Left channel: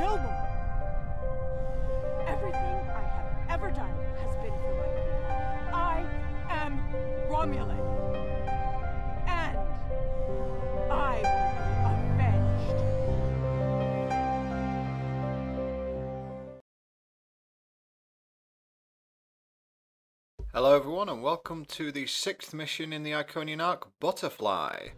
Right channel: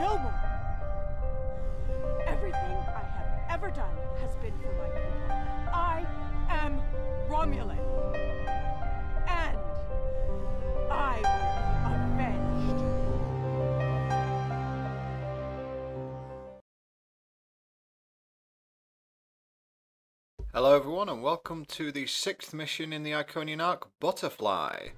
No more. Everything I have ever done has been for my people. I am Romulan. And I will be avenged. Hello everyone and welcome to the 6th mission in the Iconian arc, Butterfly.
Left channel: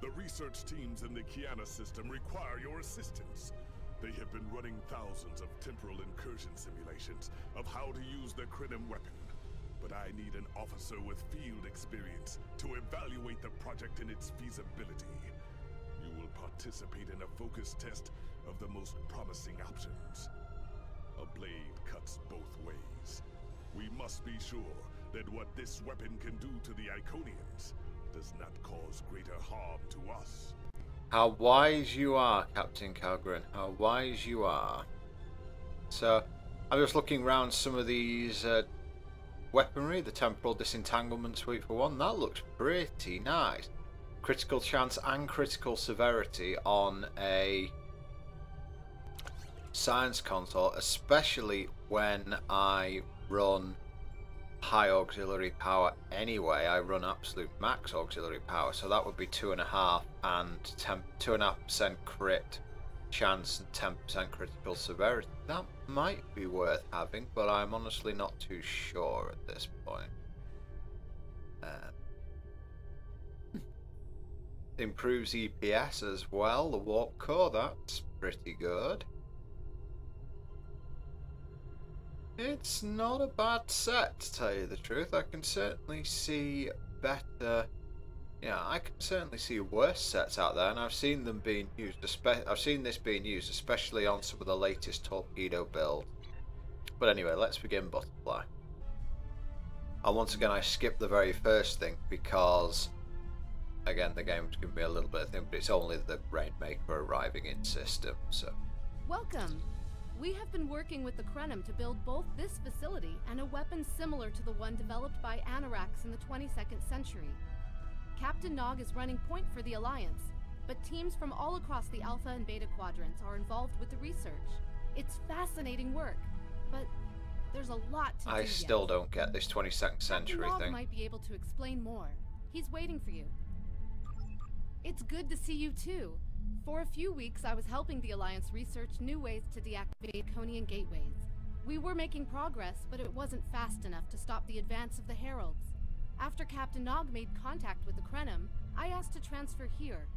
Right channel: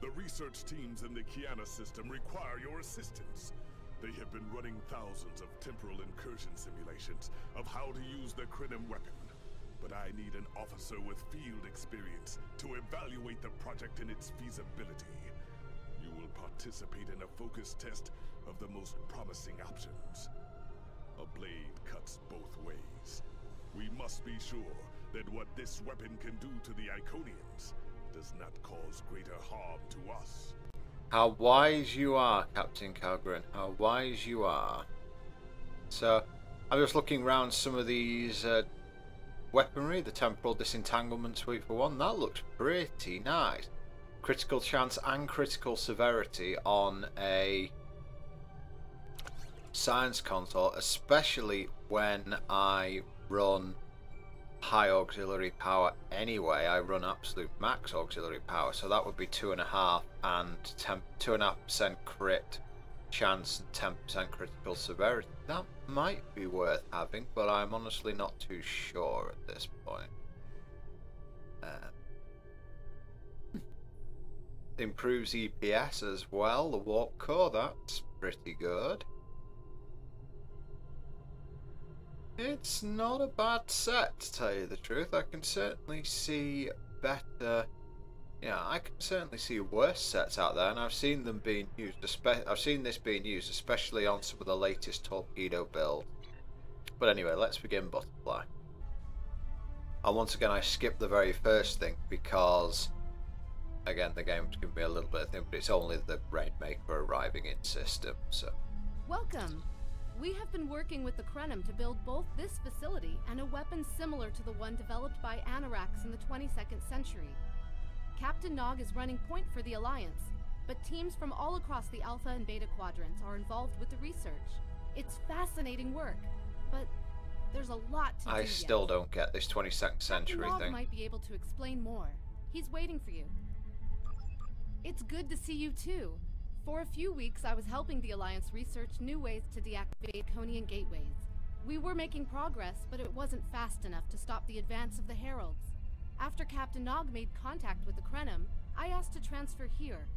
The research teams in the Kiana system require your assistance. They have been running thousands of temporal incursion simulations of how to use the Krenim weapon. But I need an officer with field experience to evaluate the project and its feasibility. You will participate in a focus test of the most promising options. A blade cuts both ways. We must be sure that what this weapon can do to the Iconians does not cause greater harm to us. How wise you are, Captain Calgren. How wise you are. So, I'm just looking around some of these weaponry. The temporal disentanglement suite for one. That looks pretty nice. Critical chance and critical severity on a science console, especially when I run high auxiliary power anyway. I run absolute max auxiliary power, so that would be 2.5 and 2.5% crit chance and 10% critical severity. That might be worth having, but I'm honestly not too sure at this point. Improves EPS as well, the warp core, that's pretty good. It's not a bad set, to tell you the truth. I can certainly see better. Yeah, I can certainly see worse sets out there, and I've seen them being used. I've seen this being used, especially on some of the latest torpedo builds. But anyway, let's begin Butterfly. And once again, I skipped the very first thing because, again, the game's giving me a little bit of thing, but it's only the Rainmaker arriving in system. So, welcome. We have been working with the Krenim to build both this facility and a weapon similar to the one developed by Anorax in the 22nd century. Captain Nog is running point for the Alliance, but teams from all across the Alpha and Beta quadrants are involved with the research. It's fascinating work, but there's a lot to do I still yet. don't get this 22nd century Captain Nog thing. might be able to explain more. He's waiting for you. It's good to see you too. For a few weeks, I was helping the Alliance research new ways to deactivate Iconian gateways. We were making progress, but it wasn't fast enough to stop the advance of the Heralds. After Captain Nog made contact with the Krenim, I asked to transfer here.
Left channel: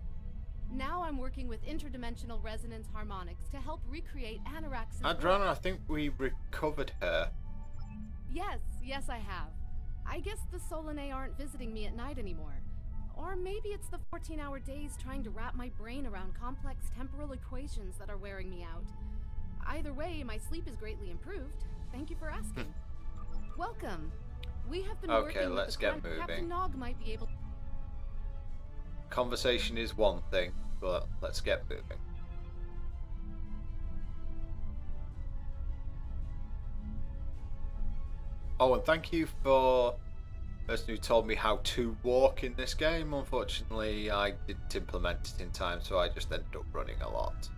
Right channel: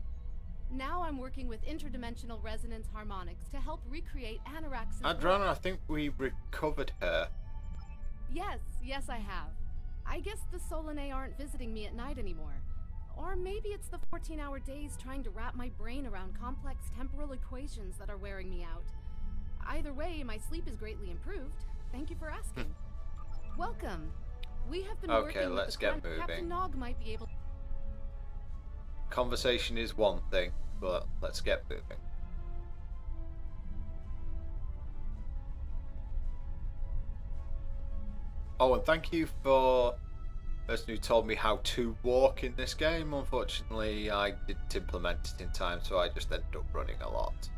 Now I'm working with interdimensional resonance harmonics to help recreate Anorax's Adriana, I think we recovered her. Yes, I have. I guess the Solanae aren't visiting me at night anymore. Or maybe it's the 14-hour days trying to wrap my brain around complex temporal equations that are wearing me out. Either way, my sleep is greatly improved. Thank you for asking. Welcome. We have been working with let's the get moving. Captain Nog might be able. Conversation is one thing, but let's get moving. Oh, and thank you for the person who told me how to walk in this game. Unfortunately, I didn't implement it in time, so I just ended up running a lot.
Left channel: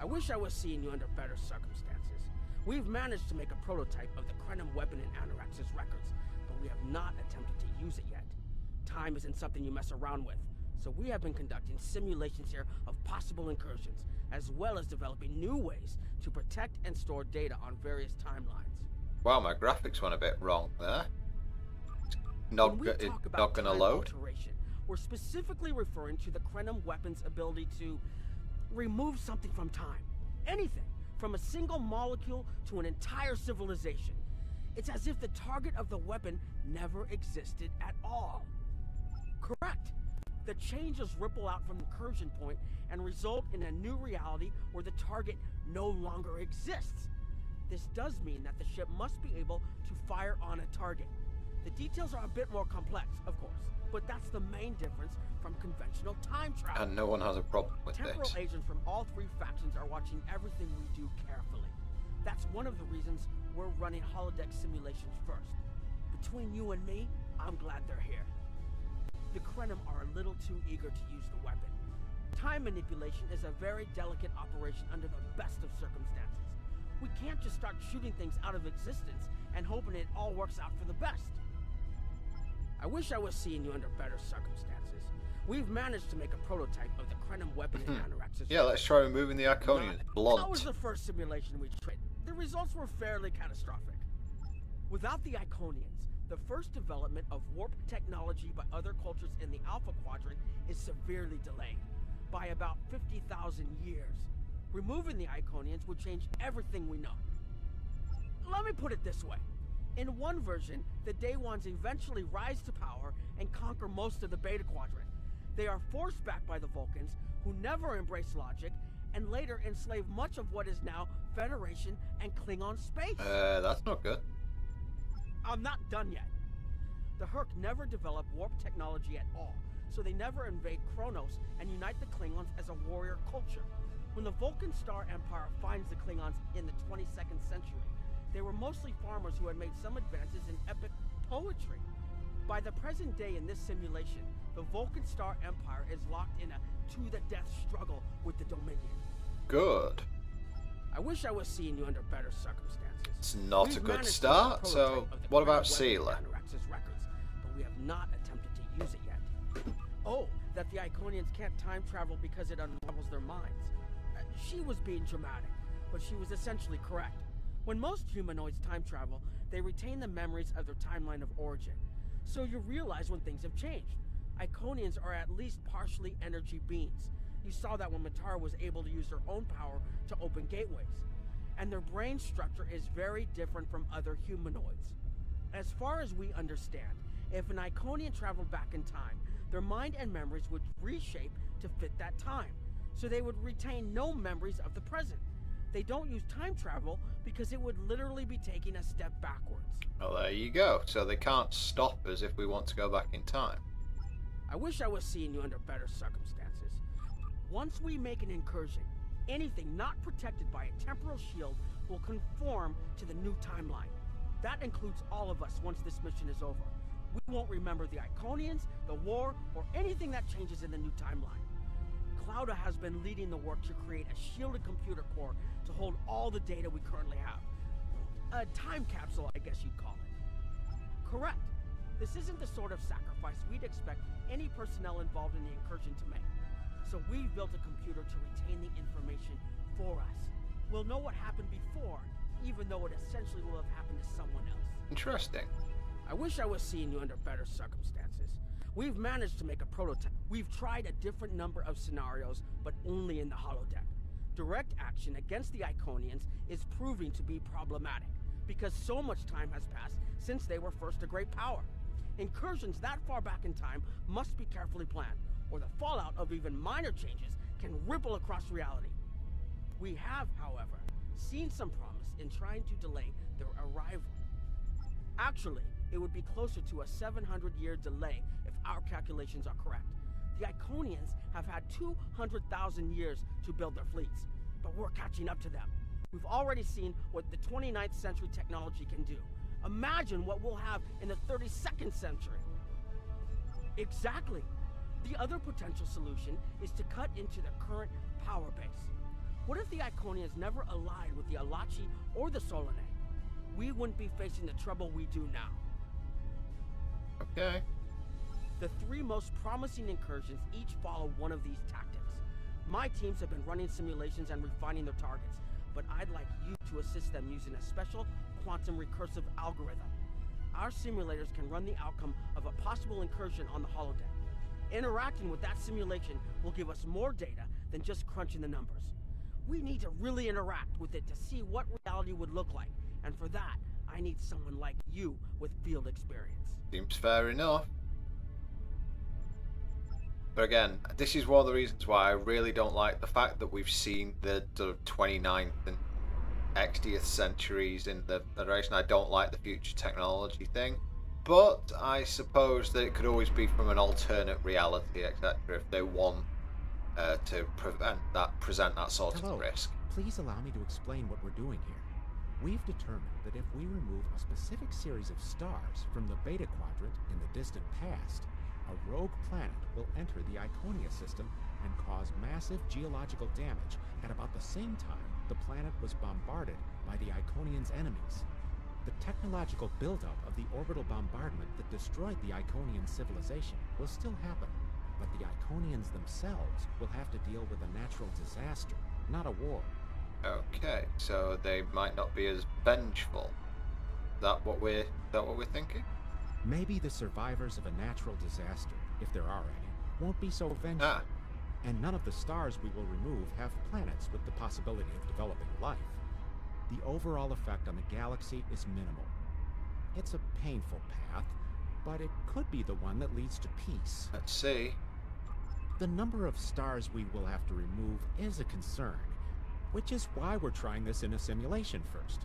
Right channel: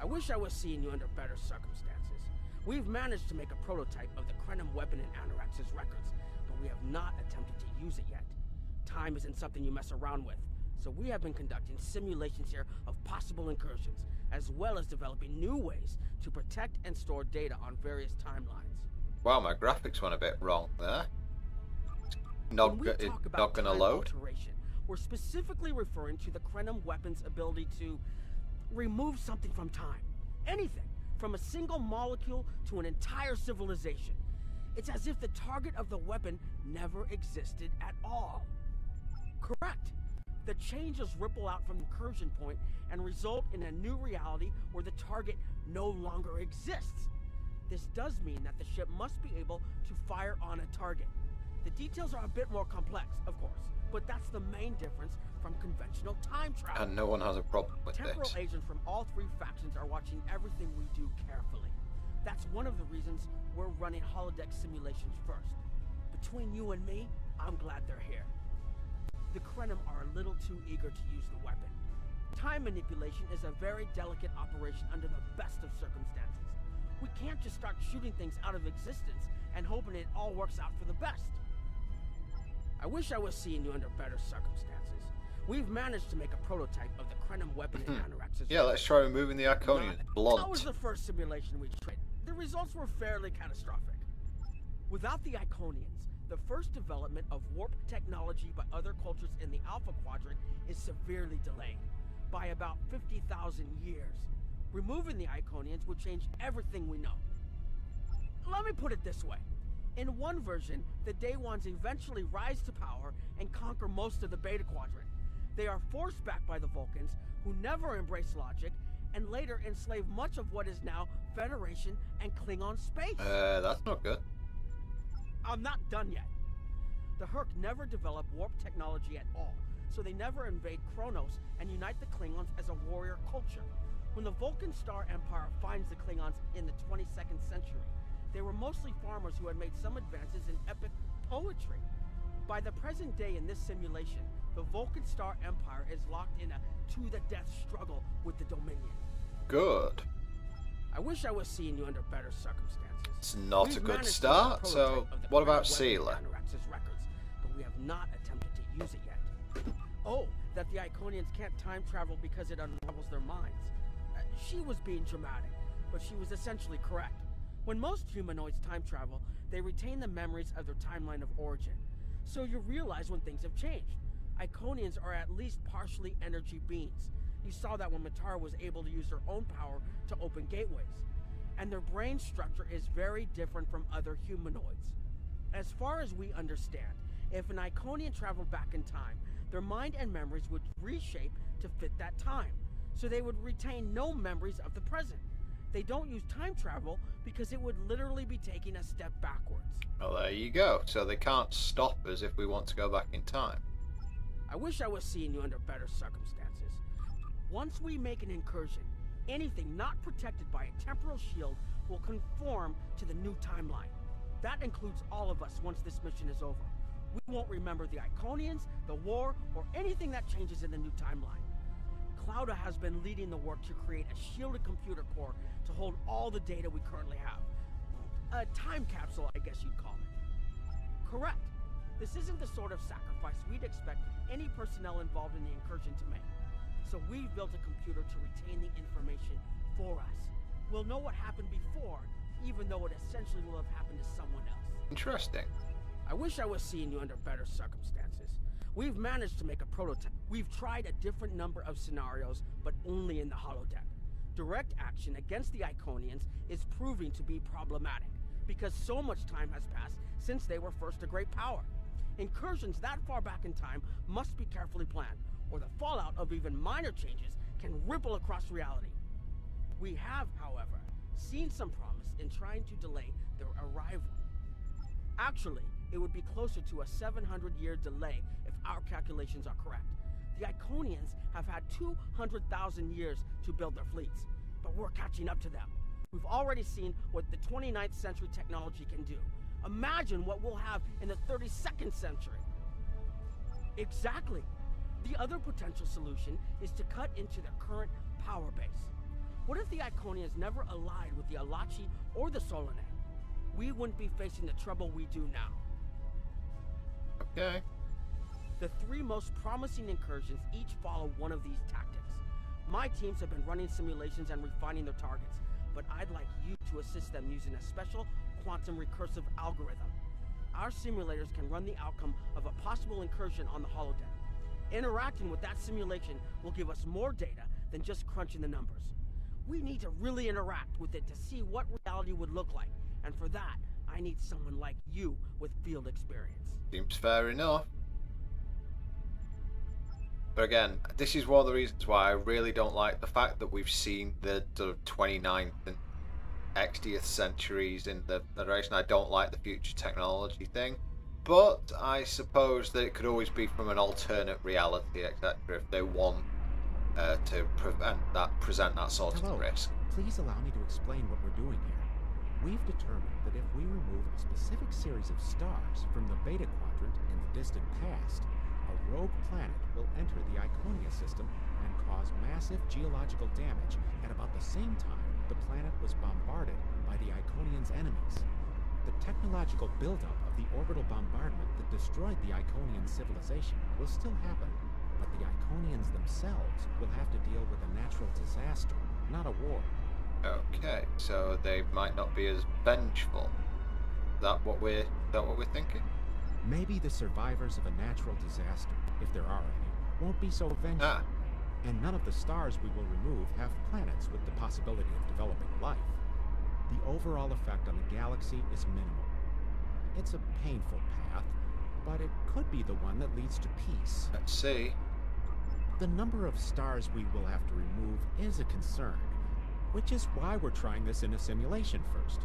I wish I was seeing you under better circumstances. We've managed to make a prototype of the Krenim weapon in Anorax's records, but we have not attempted to use it yet. Time isn't something you mess around with, so we have been conducting simulations here of possible incursions, as well as developing new ways to protect and store data on various timelines. Wow, my graphics went a bit wrong there. Not gonna load. Alteration, we're specifically referring to the Krenim weapon's ability to remove something from time. Anything, from a single molecule to an entire civilization. It's as if the target of the weapon never existed at all. Correct. The changes ripple out from the incursion point and result in a new reality where the target no longer exists. This does mean that the ship must be able to fire on a target. The details are a bit more complex, of course, but that's the main difference from conventional time travel. And no one has a problem with Temporal this. agents from all three factions are watching everything we do carefully. That's one of the reasons we're running holodeck simulations first. Between you and me, I'm glad they're here. the Krenim are a little too eager to use the weapon. Time manipulation is a very delicate operation under the best of circumstances. We can't just start shooting things out of existence and hoping it all works out for the best. I wish I was seeing you under better circumstances. We've managed to make a prototype of the Krenim weapon in Anorax's. Yeah, let's try removing the Iconians. Blunt. That was the first simulation we tried. The results were fairly catastrophic. Without the Iconians, the first development of warp technology by other cultures in the Alpha Quadrant is severely delayed by about 50,000 years. Removing the Iconians would change everything we know. Let me put it this way. In one version, the Day Ones eventually rise to power and conquer most of the Beta Quadrant. They are forced back by the Vulcans, who never embrace logic, and later enslave much of what is now Federation and Klingon space. That's not good. I'm not done yet. The Herc never developed warp technology at all, so they never invade Kronos and unite the Klingons as a warrior culture. When the Vulcan Star Empire finds the Klingons in the 22nd century, they were mostly farmers who had made some advances in epic poetry. By the present day in this simulation, the Vulcan Star Empire is locked in a to-the-death struggle with the Dominion. Good. I wish I was seeing you under better circumstances. It's not a good start, so what about Sealer? Records, but we have not attempted to use it yet. Oh, that the Iconians can't time travel because it unravels their minds. She was being dramatic, but she was essentially correct. When most humanoids time travel, they retain the memories of their timeline of origin. So you realize when things have changed. Iconians are at least partially energy beings. You saw that when Matara was able to use her own power to open gateways. And their brain structure is very different from other humanoids. As far as we understand, if an Iconian traveled back in time, their mind and memories would reshape to fit that time. So they would retain no memories of the present. They don't use time travel because it would literally be taking a step backwards. Well, there you go. So they can't stop us if we want to go back in time. I wish I was seeing you under better circumstances. Once we make an incursion, anything not protected by a temporal shield will conform to the new timeline. That includes all of us once this mission is over. We won't remember the Iconians, the war, or anything that changes in the new timeline. Clouda has been leading the work to create a shielded computer core to hold all the data we currently have. A time capsule, I guess you'd call it. Correct. This isn't the sort of sacrifice we'd expect any personnel involved in the incursion to make. So we've built a computer to retain the information for us. We'll know what happened before, even though it essentially will have happened to someone else. Interesting. I wish I was seeing you under better circumstances. We've managed to make a prototype. We've tried a different number of scenarios, but only in the holodeck. Direct action against the Iconians is proving to be problematic, because so much time has passed since they were first a great power. Incursions that far back in time must be carefully planned, or the fallout of even minor changes can ripple across reality. We have, however, seen some promise in trying to delay their arrival. Actually, it would be closer to a 700-year delay if our calculations are correct. The Iconians have had 200,000 years to build their fleets, but we're catching up to them. We've already seen what the 29th century technology can do. Imagine what we'll have in the 32nd century. Exactly. The other potential solution is to cut into their current power base. What if the Iconians never allied with the Alachi or the Solanae? We wouldn't be facing the trouble we do now. Okay. The three most promising incursions each follow one of these tactics. My teams have been running simulations and refining their targets, but I'd like you to assist them using a special quantum recursive algorithm. Our simulators can run the outcome of a possible incursion on the holodeck. Interacting with that simulation will give us more data than just crunching the numbers. We need to really interact with it to see what reality would look like, and for that, I need someone like you with field experience. Seems fair enough. But again, this is one of the reasons why I really don't like the fact that we've seen the 29th and 60th centuries in the Federation. I don't like the future technology thing. But I suppose that it could always be from an alternate reality, etc., if they want to present that sort of risk. Please allow me to explain what we're doing here. We've determined that if we remove a specific series of stars from the Beta Quadrant in the distant past, a rogue planet will enter the Iconia system and cause massive geological damage at about the same time the planet was bombarded by the Iconians' enemies. The technological buildup of the orbital bombardment that destroyed the Iconian civilization will still happen, but the Iconians themselves will have to deal with a natural disaster, not a war. Okay, so they might not be as vengeful. Is that what we're thinking? Maybe the survivors of a natural disaster, if there are any, won't be so vengeful. Ah. And none of the stars we will remove have planets with the possibility of developing life. The overall effect on the galaxy is minimal. It's a painful path, but it could be the one that leads to peace. Let's see. The number of stars we will have to remove is a concern, which is why we're trying this in a simulation first.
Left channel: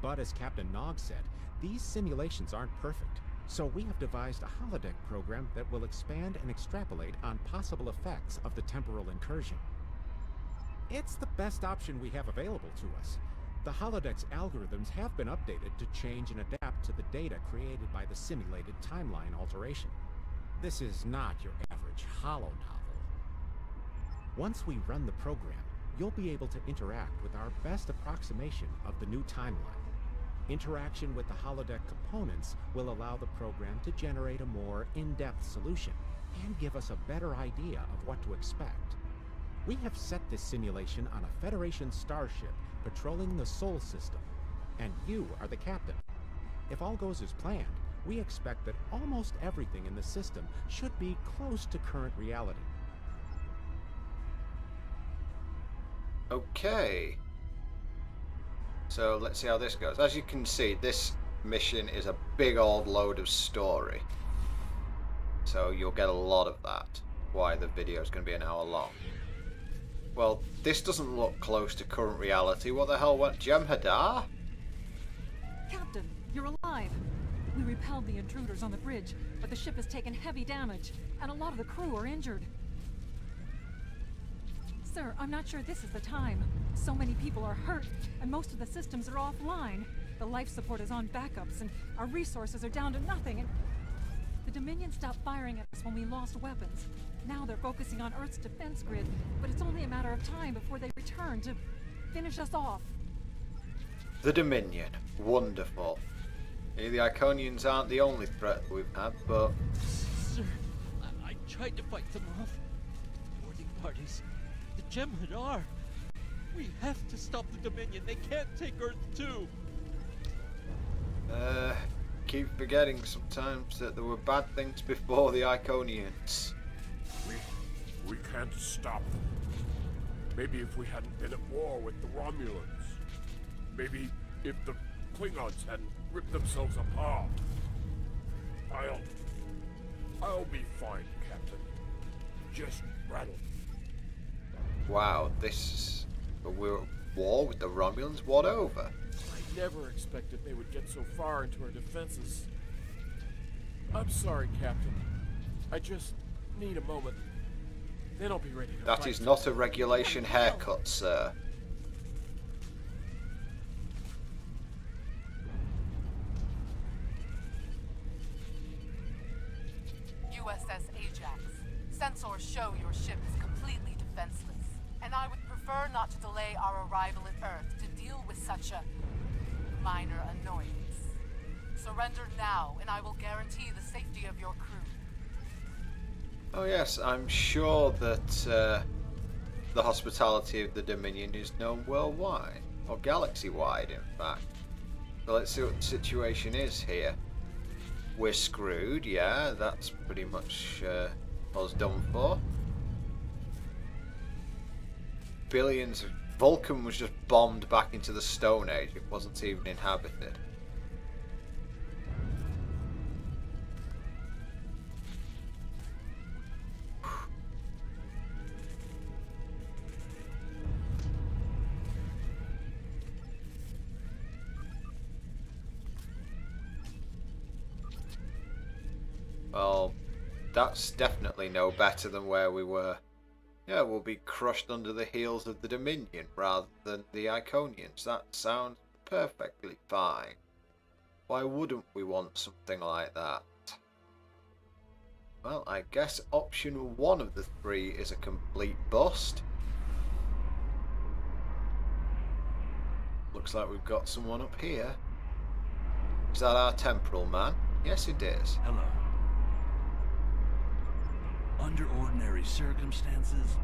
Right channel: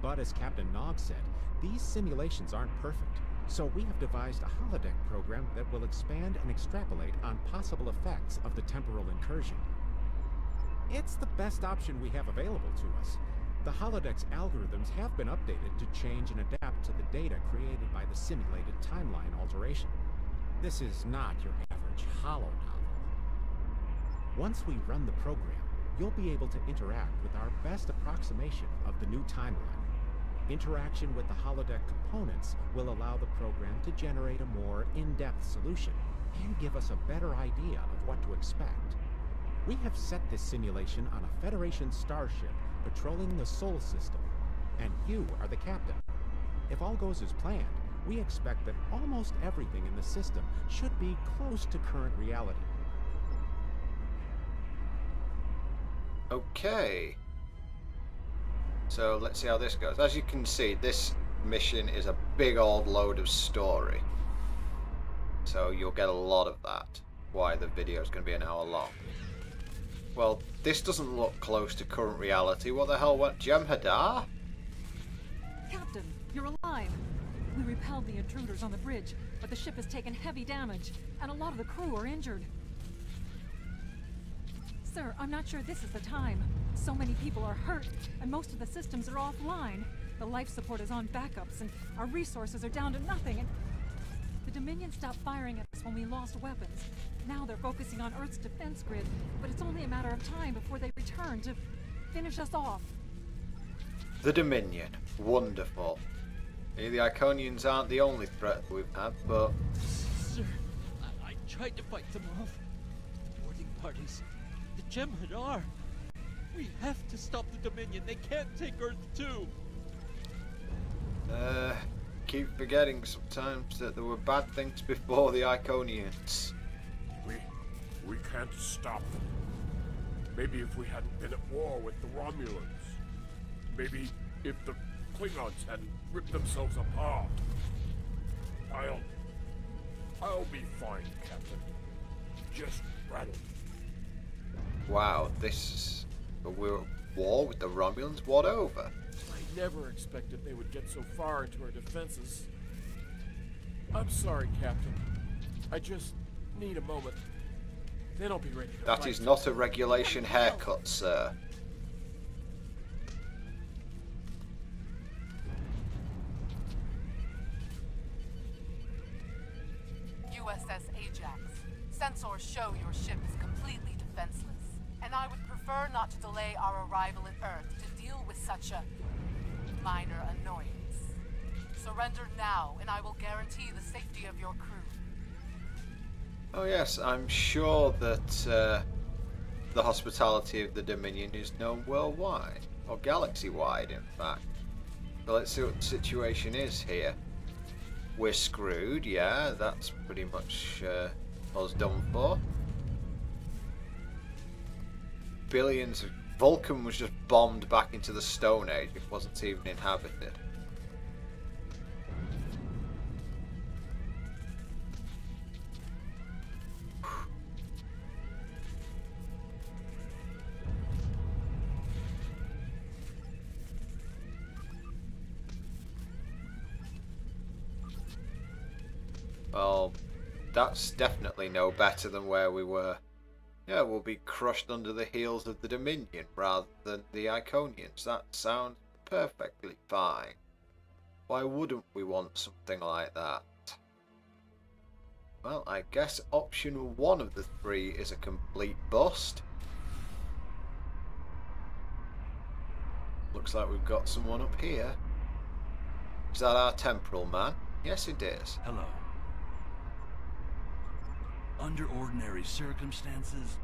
But as Captain Nog said, these simulations aren't perfect, so we have devised a holodeck program that will expand and extrapolate on possible effects of the temporal incursion. It's the best option we have available to us. The holodeck's algorithms have been updated to change and adapt to the data created by the simulated timeline alteration. This is not your average holo novel. Once we run the program, you'll be able to interact with our best approximation of the new timeline. Interaction with the holodeck components will allow the program to generate a more in-depth solution and give us a better idea of what to expect. We have set this simulation on a Federation starship patrolling the Sol system, and you are the captain. If all goes as planned, we expect that almost everything in the system should be close to current reality. Okay. So let's see how this goes. As you can see, this mission is a big old load of story. So you'll get a lot of that. Why the video is going to be an hour long. Well, this doesn't look close to current reality. What the hell went Jem'Hadar? Captain, you're alive. We repelled the intruders on the bridge, but the ship has taken heavy damage, and a lot of the crew are injured. Sir, I'm not sure this is the time. So many people are hurt, and most of the systems are offline. The life support is on backups, and our resources are down to nothing, and... The Dominion stopped firing at us when we lost weapons. Now they're focusing on Earth's defense grid, but it's only a matter of time before they return to finish us off. The Dominion. Wonderful. The Iconians aren't the only threat we've had, but... Sir, I tried to fight them off. The boarding parties. The Jem'Hadar. We have to stop the Dominion. They can't take Earth too. Keep forgetting sometimes that there were bad things before the Iconians. We can't stop them. Maybe if we hadn't been at war with the Romulans. Maybe if the Klingons hadn't ripped themselves apart. I'll be fine, Captain. Just rattle. Wow, we're at war with the Romulans? What over? I never expected they would get so far into our defenses. I'm sorry, Captain. I just need a moment. Then I'll be ready to fight. That is not a regulation haircut, sir. USS Ajax. Sensors show your ship is completely defenseless, and I would prefer not to delay our arrival at Earth to deal with such a minor annoyance. Surrender now, and I will guarantee the safety of your crew. Oh yes, I'm sure that the hospitality of the Dominion is known worldwide, or galaxy-wide in fact. So let's see what the situation is here. We're screwed, yeah, that's pretty much us done for. Billions of... Vulcan was just bombed back into the Stone Age. It wasn't even inhabited. Well, that's definitely no better than where we were. Yeah, we'll be crushed under the heels of the Dominion rather than the Iconians. That sounds perfectly fine. Why wouldn't we want something like that? Well, I guess option 1 of the 3 is a complete bust. Looks like we've got someone up here. Is that our temporal man? Yes, it is. Hello. Under ordinary circumstances,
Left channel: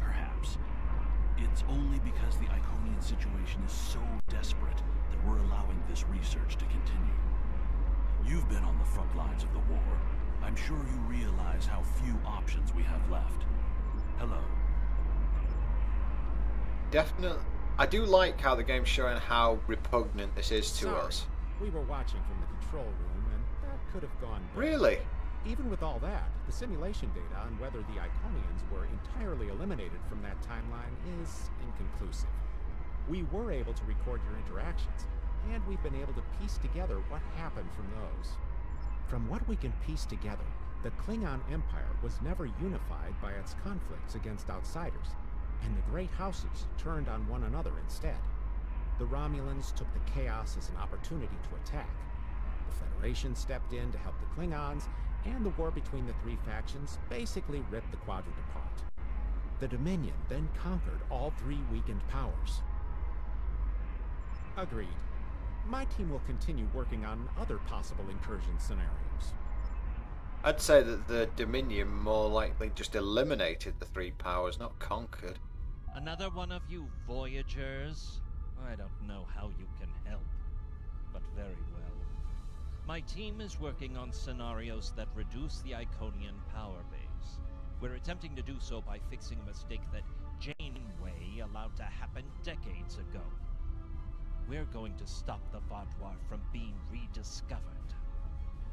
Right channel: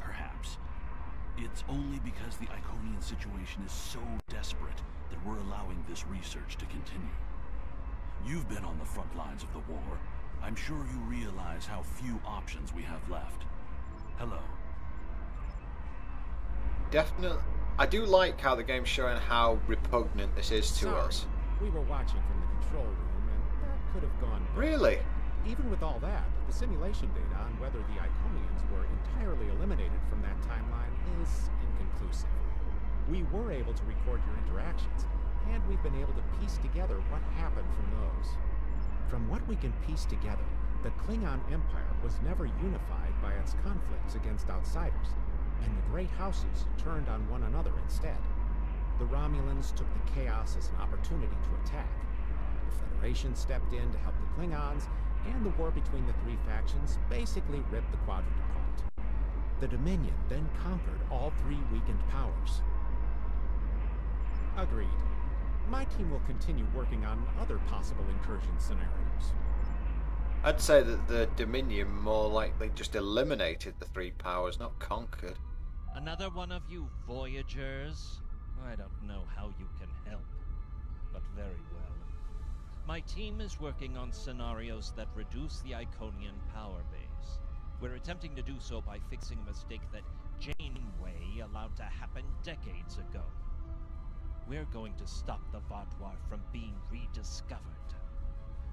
perhaps. It's only because the Iconian situation is so desperate that we're allowing this research to continue. You've been on the front lines of the war. I'm sure you realize how few options we have left. Hello. Definitely. I do like how the game's showing how repugnant this is to us. We were watching from the control room, and that could have gone better. Really? Even with all that, the simulation data on whether the Iconians were entirely eliminated from that timeline is inconclusive. We were able to record your interactions, and we've been able to piece together what happened from those. From what we can piece together, the Klingon Empire was never unified by its conflicts against outsiders, and the great houses turned on one another instead. The Romulans took the chaos as an opportunity to attack. The Federation stepped in to help the Klingons, and the war between the 3 factions basically ripped the quadrant apart. The Dominion then conquered all 3 weakened powers. Agreed. My team will continue working on other possible incursion scenarios. I'd say that the Dominion more likely just eliminated the 3 powers, not conquered. Another one of you Voyagers? I don't know how you can help, but very well. My team is working on scenarios that reduce the Iconian power base. We're attempting to do so by fixing a mistake that Janeway allowed to happen decades ago. We're going to stop the Vaadwaur from being rediscovered.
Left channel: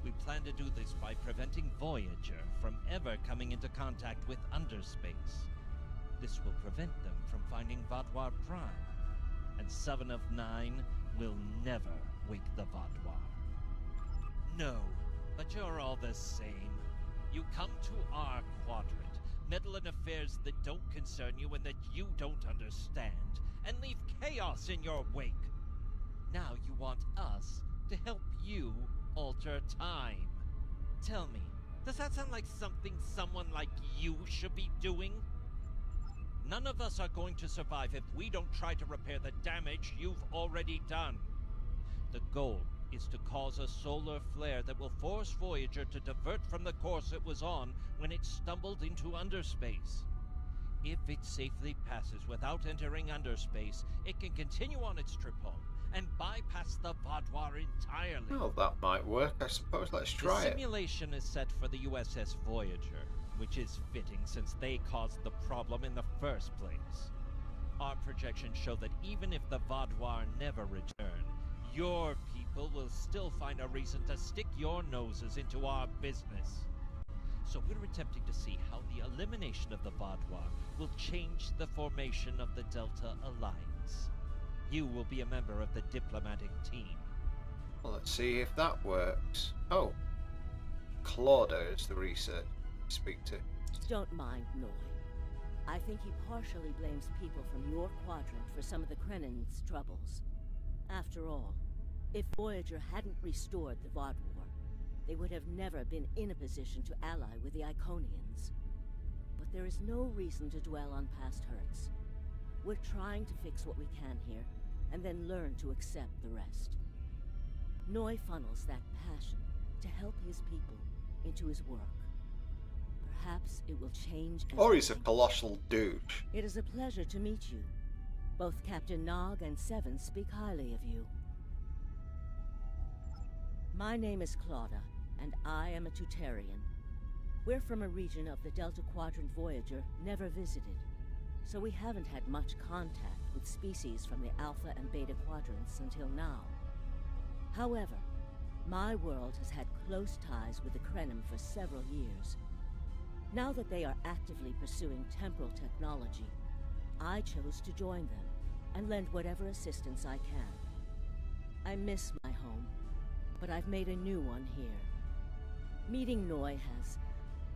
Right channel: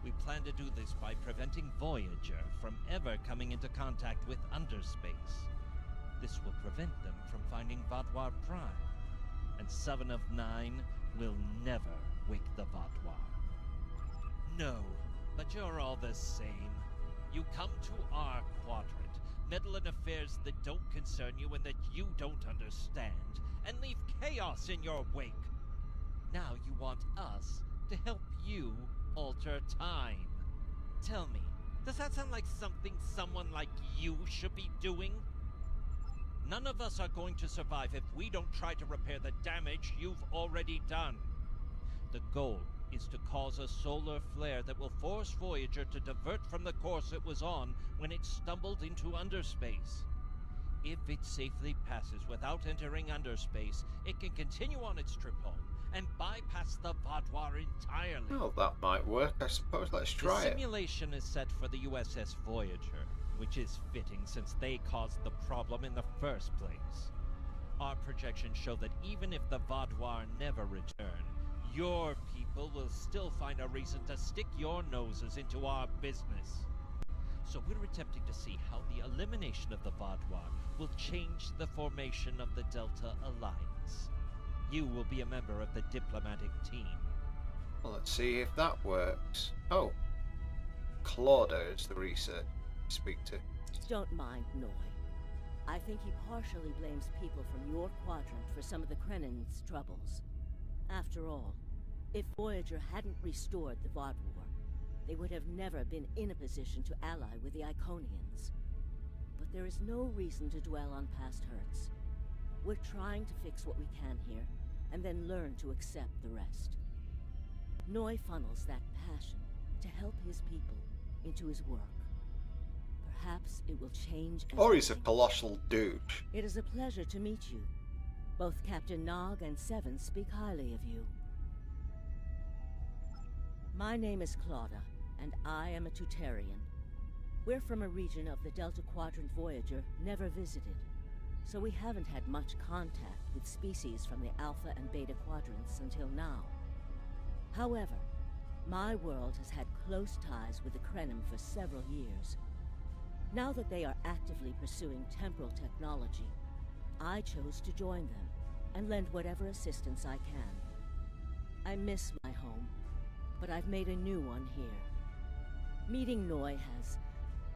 We plan to do this by preventing Voyager from ever coming into contact with underspace. This will prevent them from finding Vaadwaur Prime, and 7 of 9 will never wake the Vaadwaur. No, but you're all the same. You come to our quadrant, meddle in affairs that don't concern you and that you don't understand, and leave chaos in your wake. Now you want us to help you alter time. Tell me, does that sound like something someone like you should be doing? None of us are going to survive if we don't try to repair the damage you've already done. The goal is to cause a solar flare that will force Voyager to divert from the course it was on when it stumbled into underspace. If it safely passes without entering underspace, it can continue on its trip home and bypass the Vaadwaur entirely. Well, that might work, I suppose. Let's try The it. simulation is set for the USS Voyager, which is fitting since they caused the problem in the first place. Our projections show that even if the Vaadwaur never return, your people will still find a reason to stick your noses into our business. So we're attempting to see how the elimination of the Vaadwaur will change the formation of the Delta Alliance. You will be a member of the diplomatic team. Well, let's see if that works. Oh, Claudia is the research to speak to. Don't mind Noy. I think he partially blames people from your quadrant for some of the Krenim's troubles. After all, if Voyager hadn't restored the Vaadwaur, they would have never been in a position to ally with the Iconians. But there is no reason to dwell on past hurts. We're trying to fix what we can here, and then learn to accept the rest. Noy funnels that passion to help his people into his work. Perhaps it will change everything. Or he's a colossal douche. It is a pleasure to meet you. Both Captain Nog and Seven speak highly of you. My name is Claudia, and I am a Tutarian. We're from a region of the Delta Quadrant Voyager never visited, so we haven't had much contact with species from the Alpha and Beta quadrants until now. However, my world has had close ties with the Krenim for several years. Now that they are actively pursuing temporal technology, I chose to join them and lend whatever assistance I can. I miss my home, but I've made a new one here. Meeting Noy has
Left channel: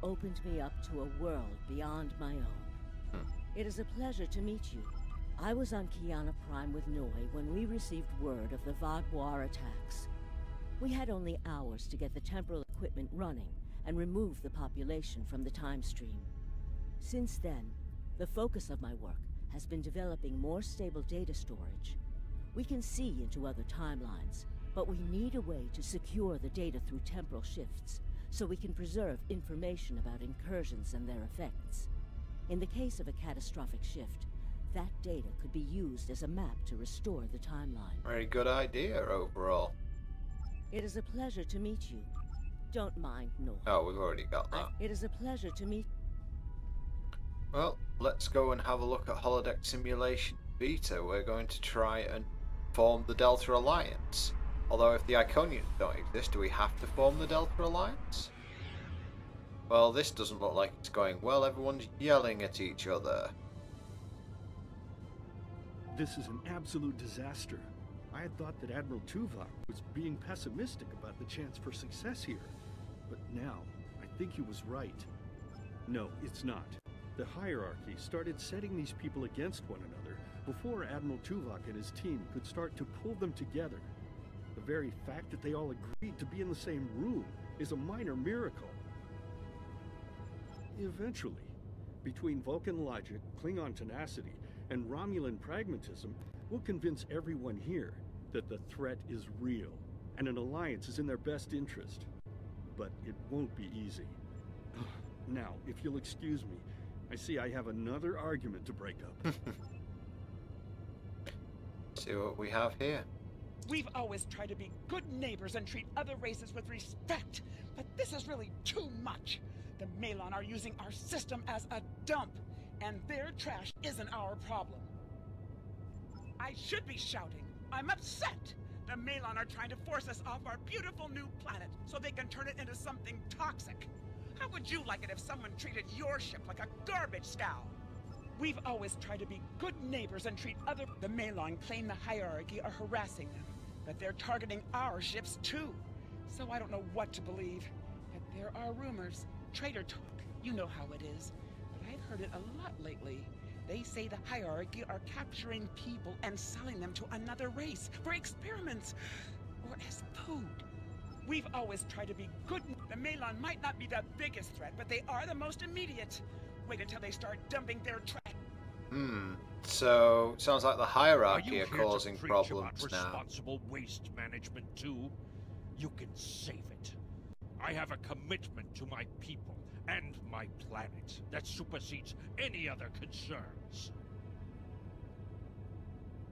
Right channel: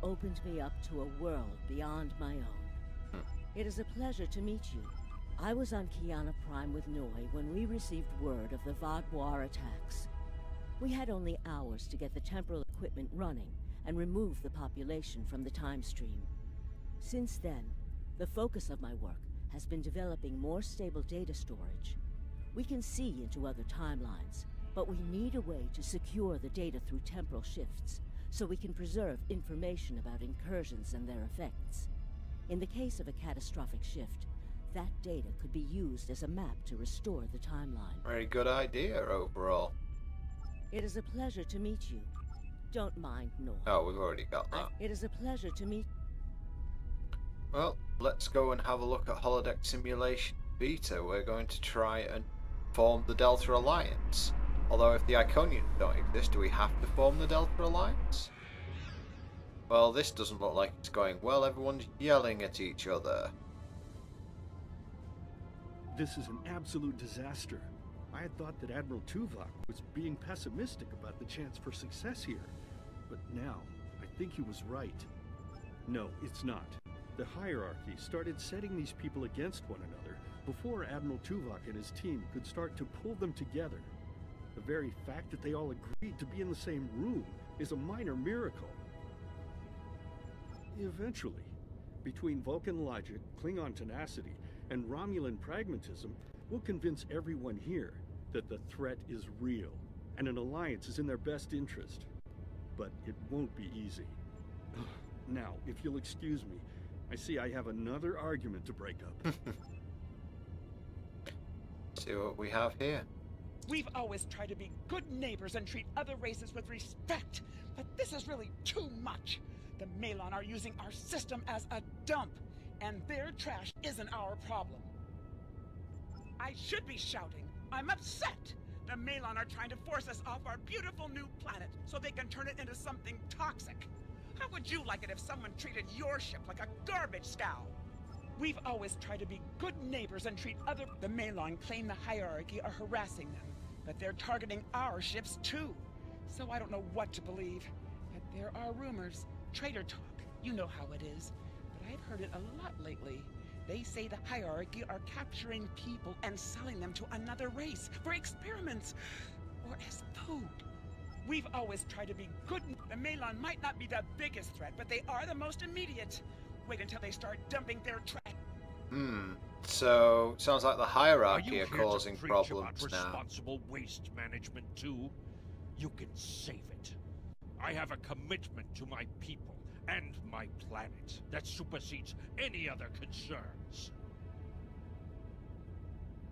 opened me up to a world beyond my own. It is a pleasure to meet you. I was on Kiana Prime with Noy when we received word of the Vaadwaur attacks. We had only hours to get the temporal equipment running and remove the population from the time stream. Since then, the focus of my work has been developing more stable data storage. We can see into other timelines, but we need a way to secure the data through temporal shifts, so we can preserve information about incursions and their effects. In the case of a catastrophic shift, that data could be used as a map to restore the timeline. Very good idea overall. It is a pleasure to meet you. Don't mind, Nor. Oh, we've already got that. It is a pleasure to meet... Well, let's go and have a look at Holodeck Simulation Beta. We're going to try and form the Delta Alliance. Although if the Iconians don't exist, do we have to form the Delta Alliance? Well, this doesn't look like it's going well. Everyone's yelling at each other. This is an absolute disaster. I had thought that Admiral Tuvok was being pessimistic about the chance for success here. But now, I think he was right. No, it's not. The hierarchy started setting these people against one another before Admiral Tuvok and his team could start to pull them together. The very fact that they all agreed to be in the same room is a minor miracle. Eventually, between Vulcan logic, Klingon tenacity, and Romulan pragmatism, we'll convince everyone here that the threat is real, and an alliance is in their best interest. But it won't be easy. Now, if you'll excuse me, I see I have another argument to break up. See what we have here. We've always tried to be good neighbors and treat other races with respect, but this is really too much. The Malon are using our system as a dump, and their trash isn't our problem. I should be shouting. I'm upset. The Malon are trying to force us off our beautiful new planet so they can turn it into something toxic. How would you like it if someone treated your ship like a garbage scow? We've always tried to be good neighbors and treat other... The Malon claim the hierarchy are harassing them, but they're targeting our ships too. So I don't know what to believe. But there are rumors, traitor talk, you know how it is. But I've heard it a lot lately. They say the hierarchy are capturing people and selling them to another race for experiments or as food. We've always tried to be good. The Malon might not be the biggest threat, but they are the most immediate. Wait until they start dumping their trash. So sounds like the hierarchy are causing problems about now. Responsible waste management too? You can save it. I have a commitment to my people and my planet that supersedes any other concerns.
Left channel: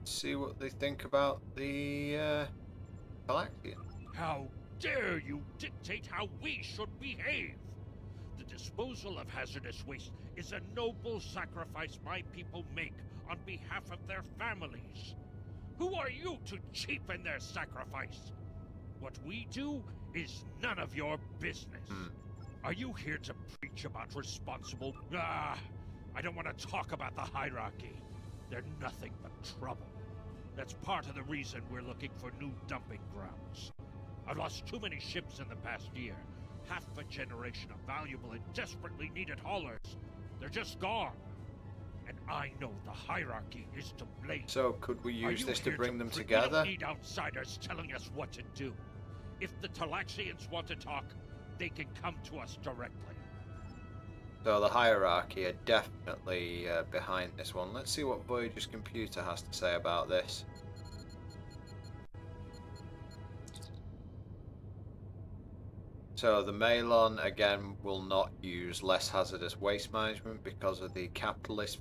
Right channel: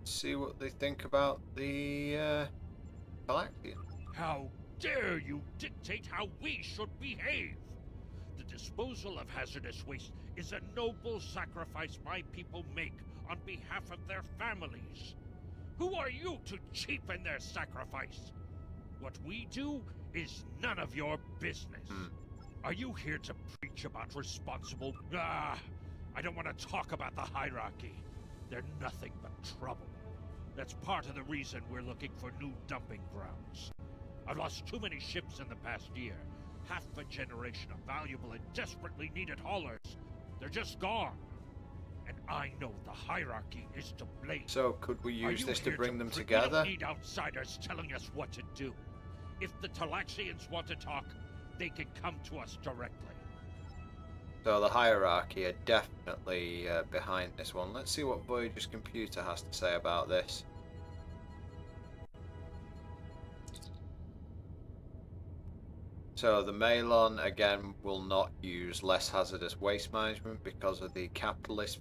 See what they think about the Galaxian. How dare you dictate how we should behave? The disposal of hazardous waste is a noble sacrifice my people make on behalf of their families. Who are you to cheapen their sacrifice? What we do is none of your business. Are you here to preach about responsible... I don't want to talk about the hierarchy. They're nothing but trouble. That's part of the reason we're looking for new dumping grounds. I've lost too many ships in the past year. Half a generation of valuable and desperately needed haulers. They're just gone. And I know the hierarchy is to blame. So could we use this to bring them We together? don't need outsiders telling us what to do. If the Talaxians want to talk, they can come to us directly. So the hierarchy are definitely behind this one. Let's see what Voyager's computer has to say about this. So the Malon again will not use less hazardous waste management because of the capitalist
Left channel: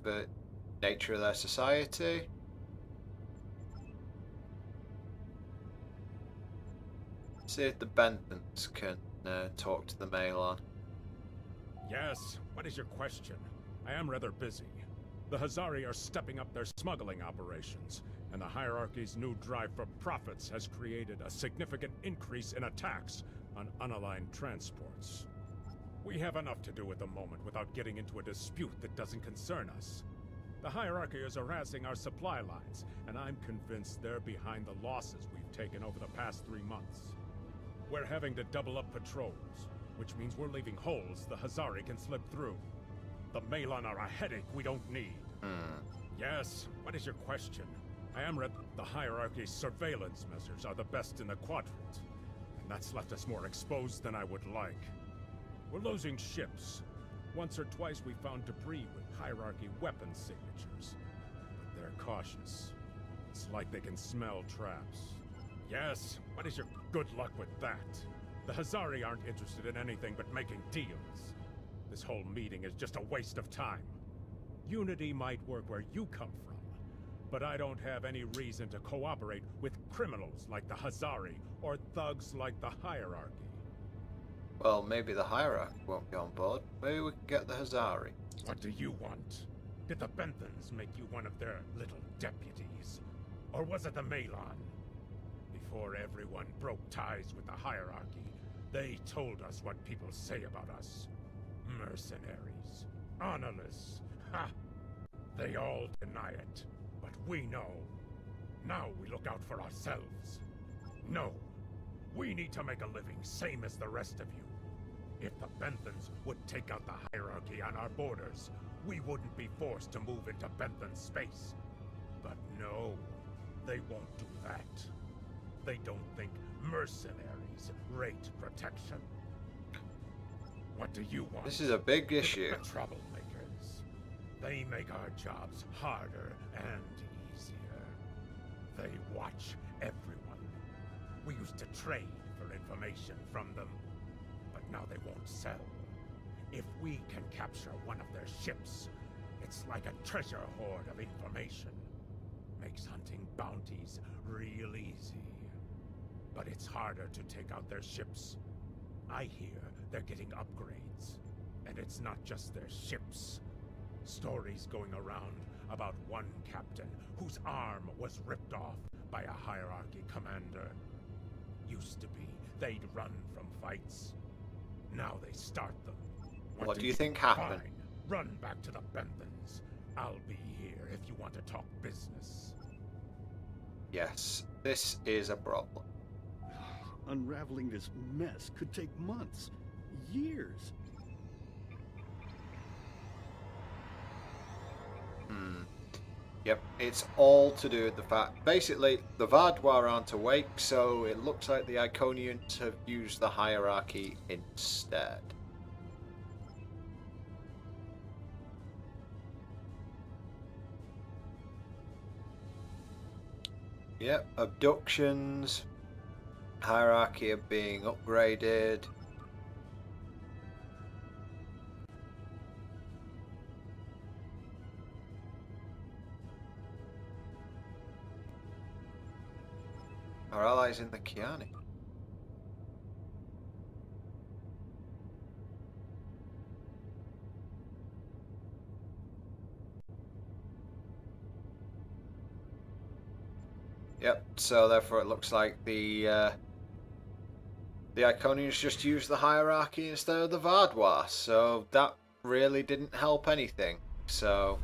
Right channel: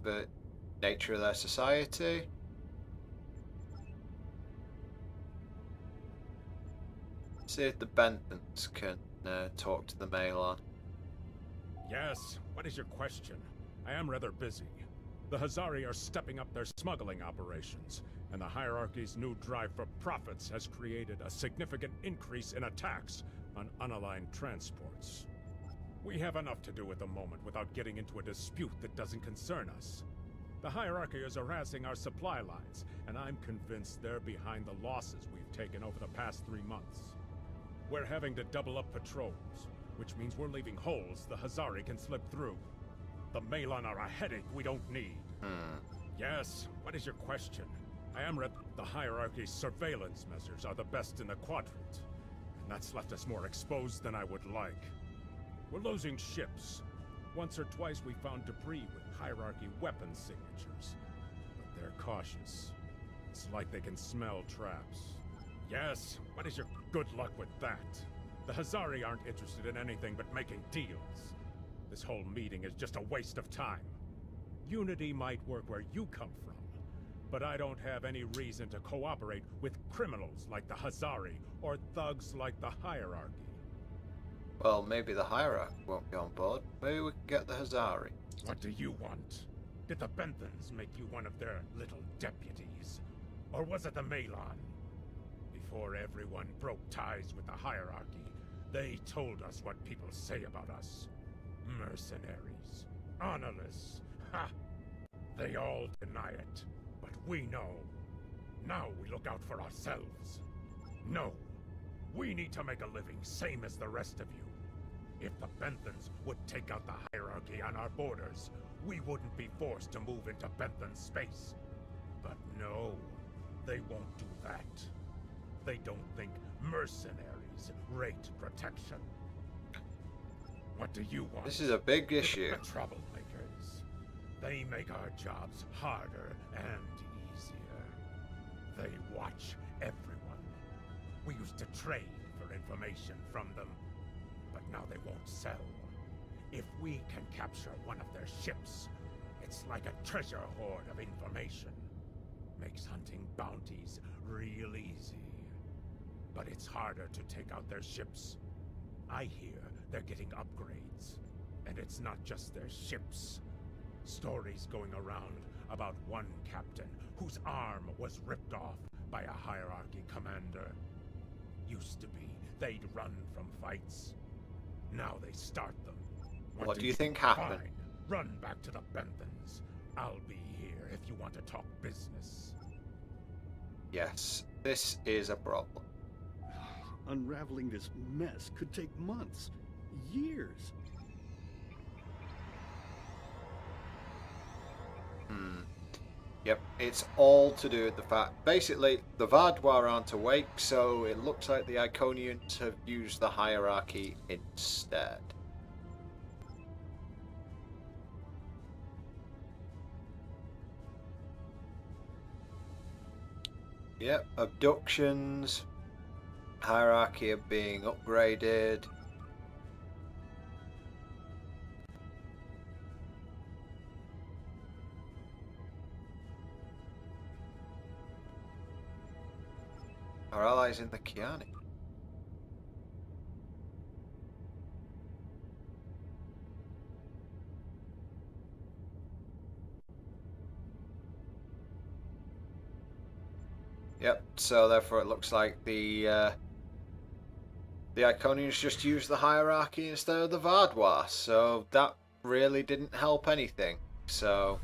nature of their society. See if the Bentons can talk to the Malon. Yes, what is your question? I am rather busy. The Hazari are stepping up their smuggling operations, and the hierarchy's new drive for profits has created a significant increase in attacks on unaligned transports. We have enough to do at the moment without getting into a dispute that doesn't concern us. The hierarchy is harassing our supply lines, and I'm convinced they're behind the losses we've taken over the past 3 months. We're having to double up patrols, which means we're leaving holes the Hazari can slip through. The Malon are a headache we don't need. Yes, what is your question? I am the hierarchy's surveillance measures are the best in the quadrant, and that's left us more exposed than I would like. We're losing ships. Once or twice we found debris with hierarchy weapon signatures. But they're cautious. It's like they can smell traps. Yes, what is your good luck with that? The Hazari aren't interested in anything but making deals. This whole meeting is just a waste of time. Unity might work where you come from, but I don't have any reason to cooperate with criminals like the Hazari or thugs like the Hierarchy. Well, maybe the Hierarchy won't be on board. Maybe we can get the Hazari. What do you want? Did the Benthans make you one of their little deputies? Or was it the Malon? Before everyone broke ties with the Hierarchy, they told us what people say about us. Mercenaries. Honorless. Ha! They all deny it. But we know. Now we look out for ourselves. No. We need to make a living, same as the rest of you. If the Benthans would take out the Hierarchy on our borders, we wouldn't be forced to move into Benthan space. But no, they won't do that. They don't think mercenaries rate protection. What do you want? This is a big issue. The troublemakers. They make our jobs harder and easier. They watch everyone. We used to trade for information from them, but now they won't sell. If we can capture one of their ships, it's like a treasure hoard of information. Makes hunting bounties real easy. But it's harder to take out their ships. I hear they're getting upgrades. And it's not just their ships. Stories going around about one captain whose arm was ripped off by a Hierarchy commander. Used to be they'd run from fights. Now they start them. What do you think happened? Fine. Run back to the Benthans. I'll be here if you want to talk business. Yes, this is a problem. Unraveling this mess could take months, years. Yep, it's all to do with the fact... Basically, the Vardwar aren't awake, so it looks like the Iconians have used the Hierarchy instead. Yep, abductions, Hierarchy are being upgraded. Our allies in the Kiani. Yep, so therefore it looks like the Iconians just used the Hierarchy instead of the Vardwar, so that really didn't help anything. So,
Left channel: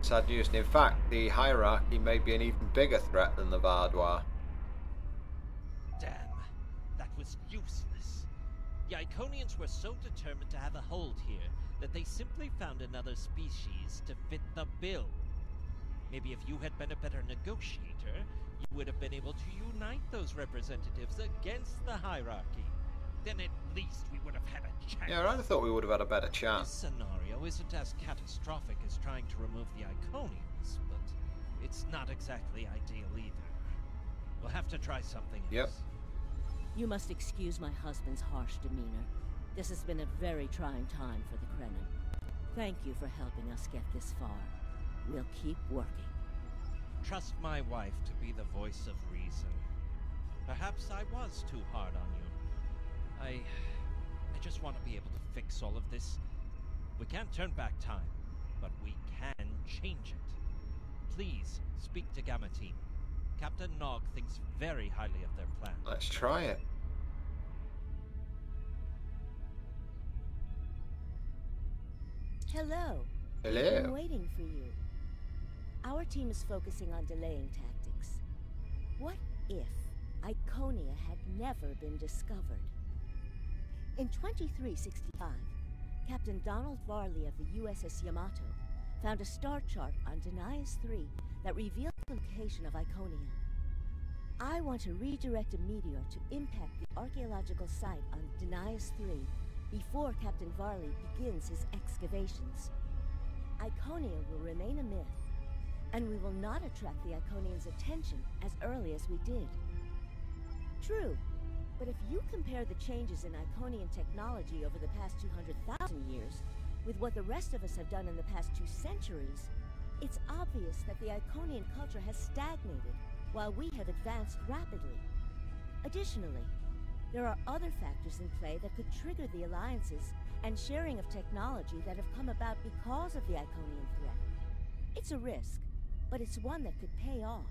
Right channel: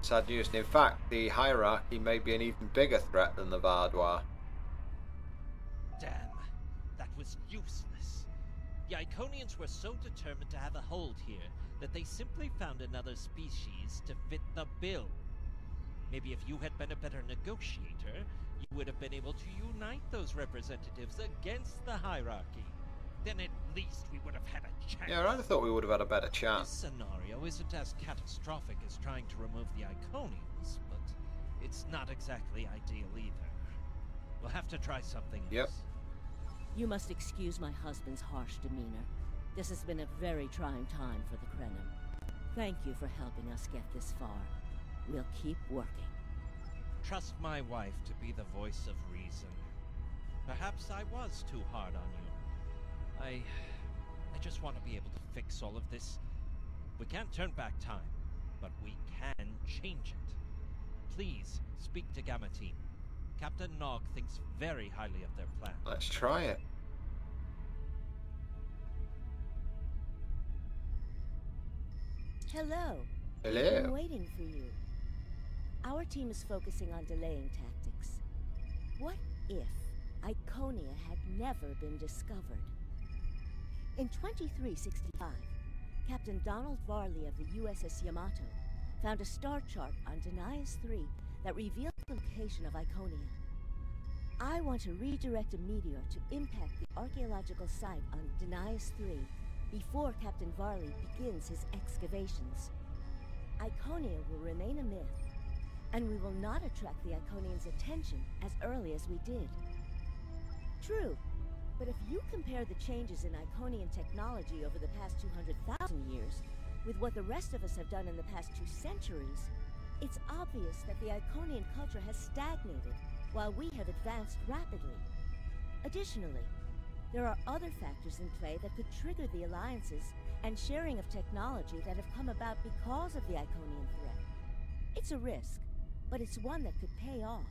sad news. And in fact, the Hierarchy may be an even bigger threat than the Vardwar. Damn, that was useless. The Iconians were so determined to have a hold here that they simply found another species to fit the bill. Maybe if you had been a better negotiator, you would have been able to unite those representatives against the Hierarchy. Then at least we would have had a chance. Yeah, I thought we would have had a better chance. This scenario isn't as catastrophic as trying to remove the Iconians, but it's not exactly ideal either. We'll have to try something else. Yep. You must excuse my husband's harsh demeanor. This has been a very trying time for the Krenim. Thank you for helping us get this far. We'll keep working. Trust my wife to be the voice of reason. Perhaps I was too hard on you. I just want to be able to fix all of this. We can't turn back time, but we can change it. Please speak to Gamma Team. Captain Nog thinks very highly of their plan. Let's try it. Hello. Hello. We've been waiting for you. Our team is focusing on delaying tactics. What if Iconia had never been discovered? In 2365, Captain Donald Varley of the USS Yamato found a star chart on Denias 3 that revealed the location of Iconia. I want to redirect a meteor to impact the archaeological site on Denias 3 before Captain Varley begins his excavations. Iconia will remain a myth, and we will not attract the Iconians' attention as early as we did. True, but if you compare the changes in Iconian technology over the past 200,000 years with what the rest of us have done in the past 2 centuries, it's obvious that the Iconian culture has stagnated while we have advanced rapidly. Additionally, there are other factors in play that could trigger the alliances and sharing of technology that have come about because of the Iconian threat. It's a risk, but it's one that could pay off.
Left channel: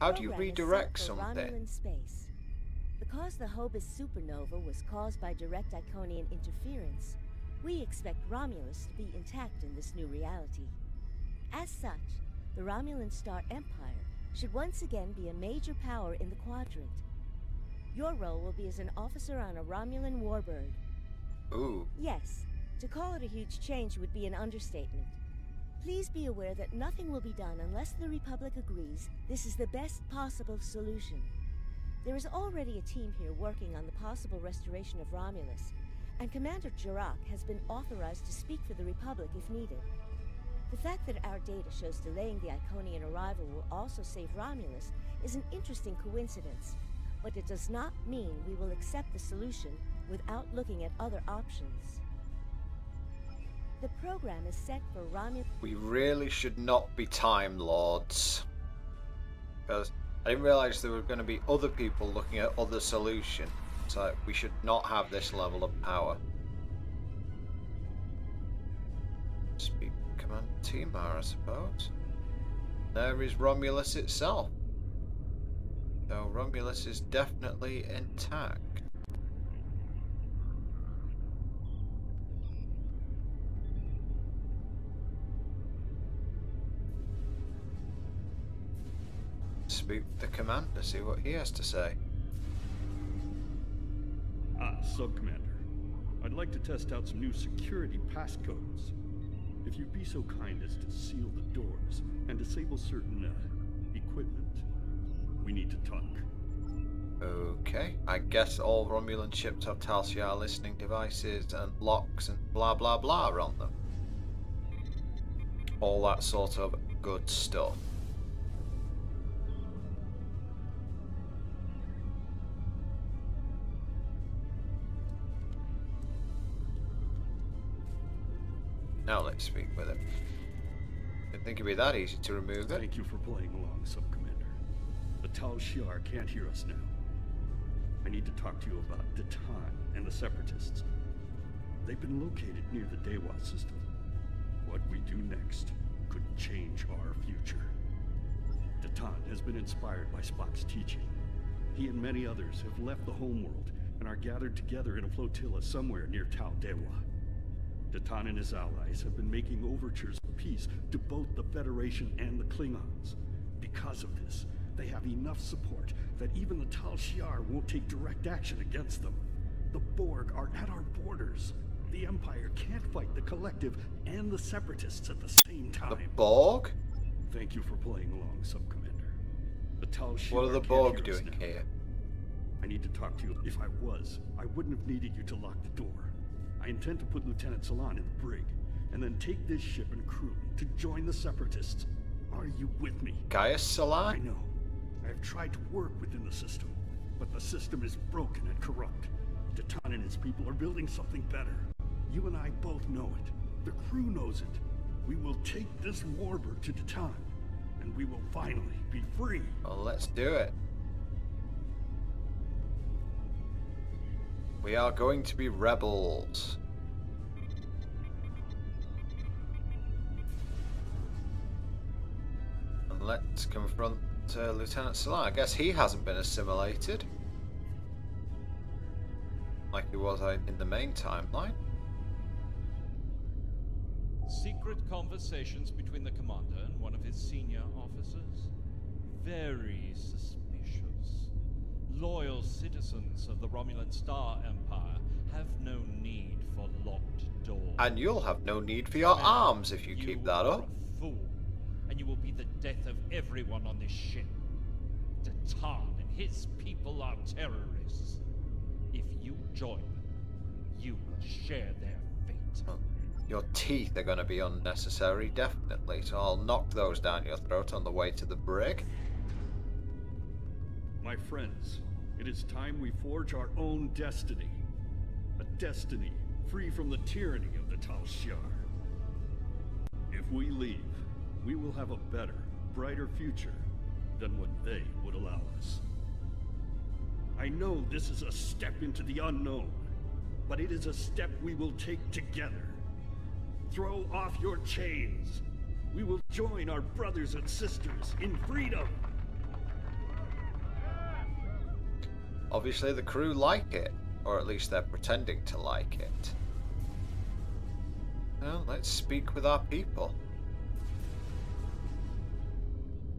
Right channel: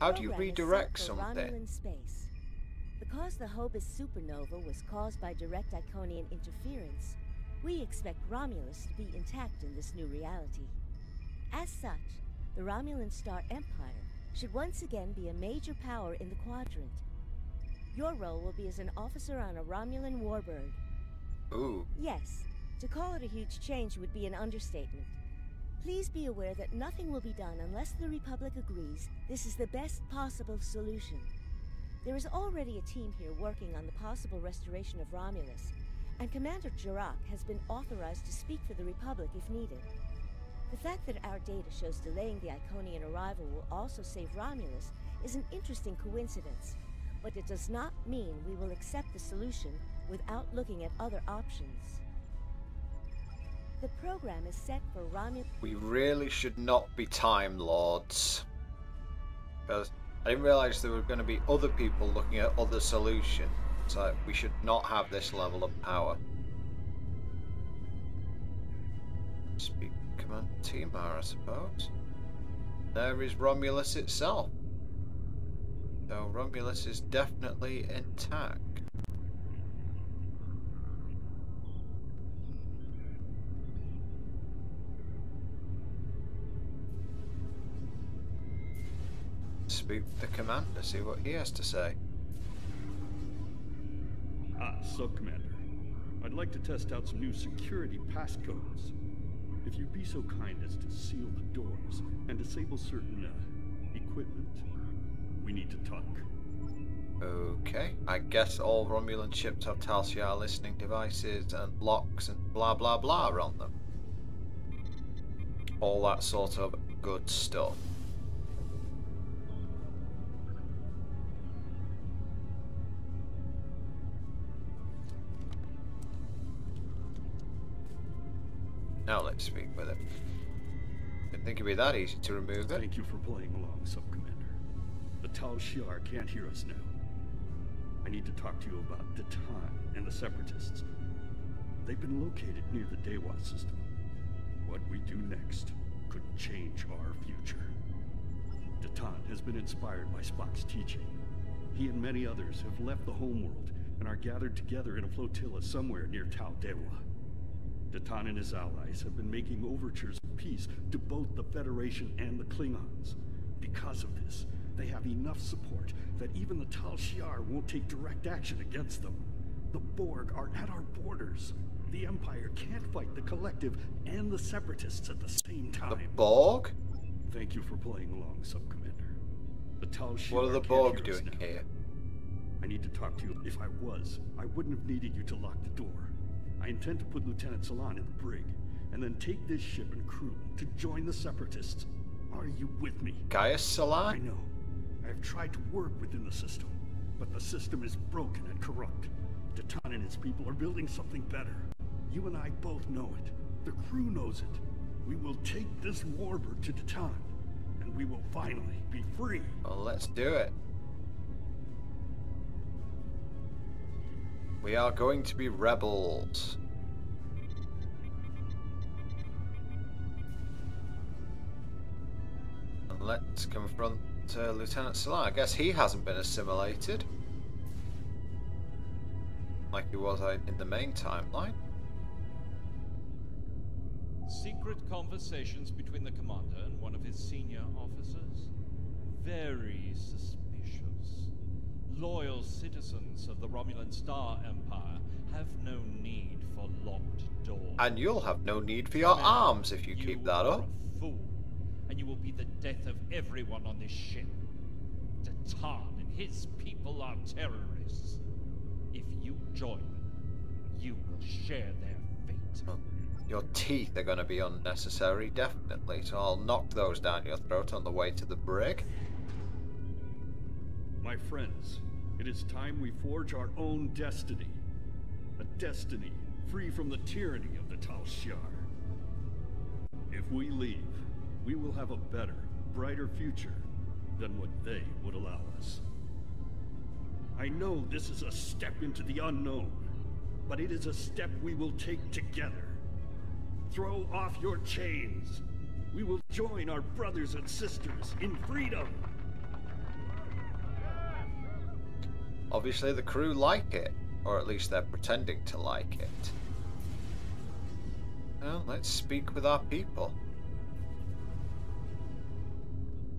How do you redirect something? Romulan space. Because the Hobus supernova was caused by direct Iconian interference, we expect Romulus to be intact in this new reality. As such, the Romulan Star Empire should once again be a major power in the quadrant. Your role will be as an officer on a Romulan warbird. Ooh. Yes, to call it a huge change would be an understatement. Please be aware that nothing will be done unless the Republic agrees this is the best possible solution. There is already a team here working on the possible restoration of Romulus, and Commander Jirak has been authorized to speak for the Republic if needed. The fact that our data shows delaying the Iconian arrival will also save Romulus is an interesting coincidence, but it does not mean we will accept the solution without looking at other options. The program is set for Romulus. We really should not be Time Lords. Because I didn't realize there were going to be other people looking at other solutions. So we should not have this level of power. Speak Command Timar, I suppose. There is Romulus itself. So Romulus is definitely intact. Speak with the commander, see what he has to say. Sub-Commander. I'd like to test out some new security passcodes. If you'd be so kind as to seal the doors and disable certain, equipment, we need to talk. Okay, I guess all Romulan ships have Tal Shiar listening devices and locks and blah blah blah on them. All that sort of good stuff. Now let's speak with him. Didn't think it'd be that easy to remove it. Thank you for playing along, Sub-Commander. The Tal Shiar can't hear us now. I need to talk to you about Datan and the Separatists. They've been located near the Dewa system. What we do next could change our future. Datan has been inspired by Spock's teaching. He and many others have left the homeworld and are gathered together in a flotilla somewhere near Tal Dewa. Datan and his allies have been making overtures of peace to both the Federation and the Klingons. Because of this, they have enough support that even the Tal Shiar won't take direct action against them. The Borg are at our borders. The Empire can't fight the Collective and the Separatists at the same time. The Borg? Thank you for playing along, Sub-Commander. The Tal Shiar What are the Borg doing here? I need to talk to you. If I wouldn't have needed you to lock the door. I intend to put Lieutenant Salan in the brig, and then take this ship and crew to join the Separatists. Are you with me? Gaius Salan? I know. I have tried to work within the system, but the system is broken and corrupt. Datan and his people are building something better. You and I both know it. The crew knows it. We will take this warbird to Datan, and we will finally be free. Well, let's do it. We are going to be rebels. And let's confront Lieutenant Salan. I guess he hasn't been assimilated like he was in the main timeline. Secret conversations between the commander and one of his senior officers? Very suspicious. Loyal citizens of the Romulan Star Empire have no need for locked doors. And you'll have no need for your arms if you keep that up. You are a fool, and you will be the death of everyone on this ship. Datan and his people are terrorists. If you join them, you will share their fate. Well, your teeth are going to be unnecessary, definitely, so I'll knock those down your throat on the way to the brig. My friends, it is time we forge our own destiny. A destiny free from the tyranny of the Tal Shiar. If we leave, we will have a better, brighter future than what they would allow us. I know this is a step into the unknown, but it is a step we will take together. Throw off your chains. We will join our brothers and sisters in freedom. Obviously the crew like it, or at least they're pretending to like it. Well, let's speak with our people.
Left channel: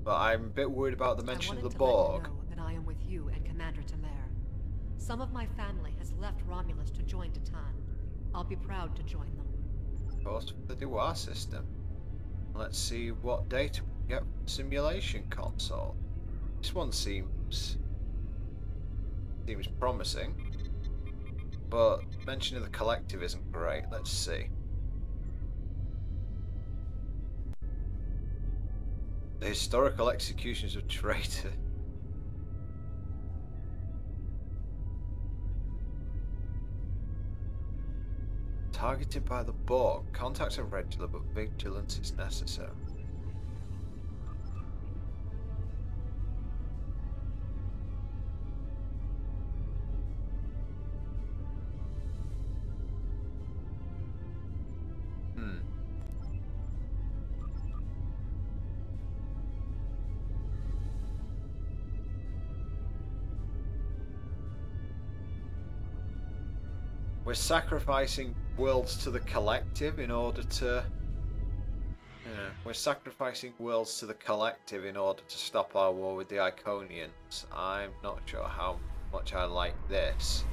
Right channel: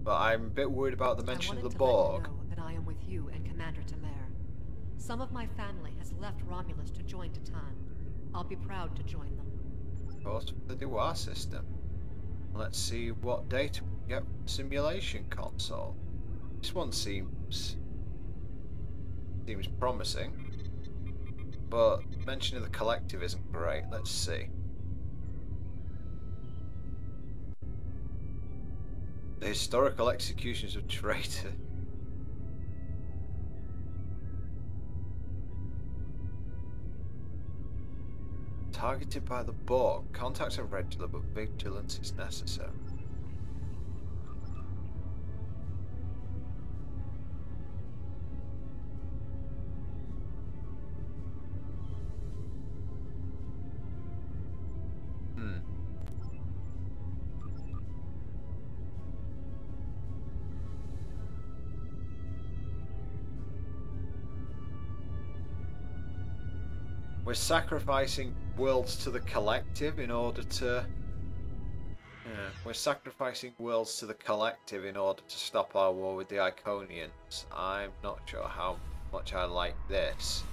But I'm a bit worried about the mention of the Borg. I wanted to let you know that I am with you and Commander Tamer. Some of my family has left Romulus to join Titan. I'll be proud to join them. Of course, the Dewar system. Let's see what data we get from the simulation console. This one seems promising, but mention of the collective isn't great. Let's see. The historical executions of traitor. Targeted by the Borg. Contacts are regular, but vigilance is necessary. We're sacrificing worlds to the collective in order to... we're sacrificing worlds to the collective in order to stop our war with the Iconians. I'm not sure how much I like this.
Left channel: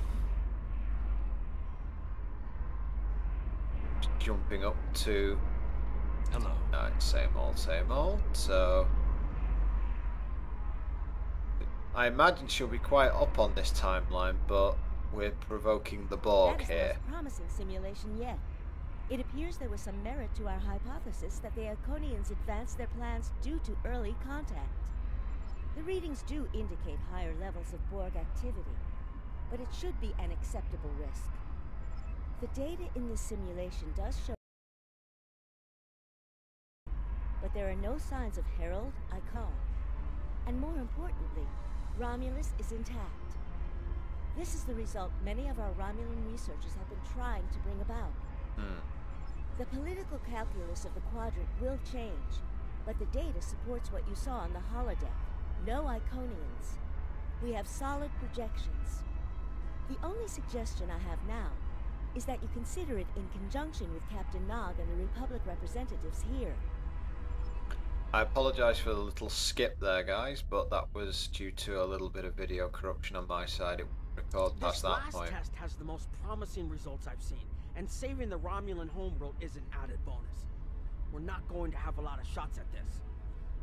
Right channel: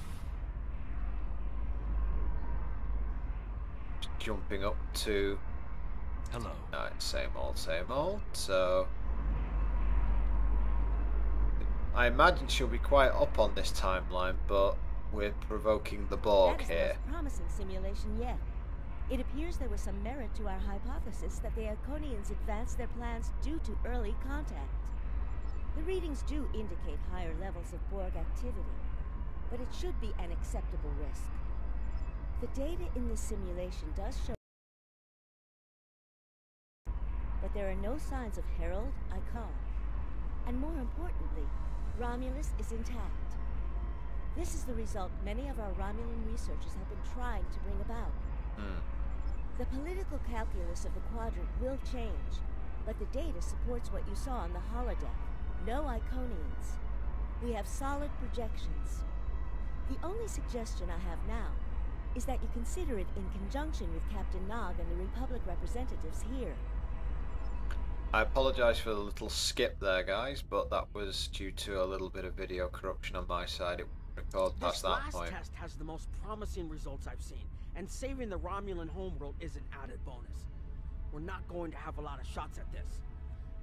Just jumping up to... Hello. Same old, so... I imagine she'll be quite up on this timeline, but... we're provoking the Borg here. That is the most promising simulation yet. It appears there was some merit to our hypothesis that the Iconians advanced their plans due to early contact. The readings do indicate higher levels of Borg activity, but it should be an acceptable risk. The data in this simulation does show, but there are no signs of Herald, Icon, and more importantly, Romulus is intact. This is the result many of our Romulan researchers have been trying to bring about. The political calculus of the Quadrant will change, but the data supports what you saw on the holodeck. No Iconians. We have solid projections. The only suggestion I have now is that you consider it in conjunction with Captain Nog and the Republic representatives here. I apologise for the little skip there, guys, but that was due to a little bit of video corruption on my side. It record past that point. This last test has the most promising results I've seen, and saving the Romulan homeworld is an added bonus. We're not going to have a lot of shots at this.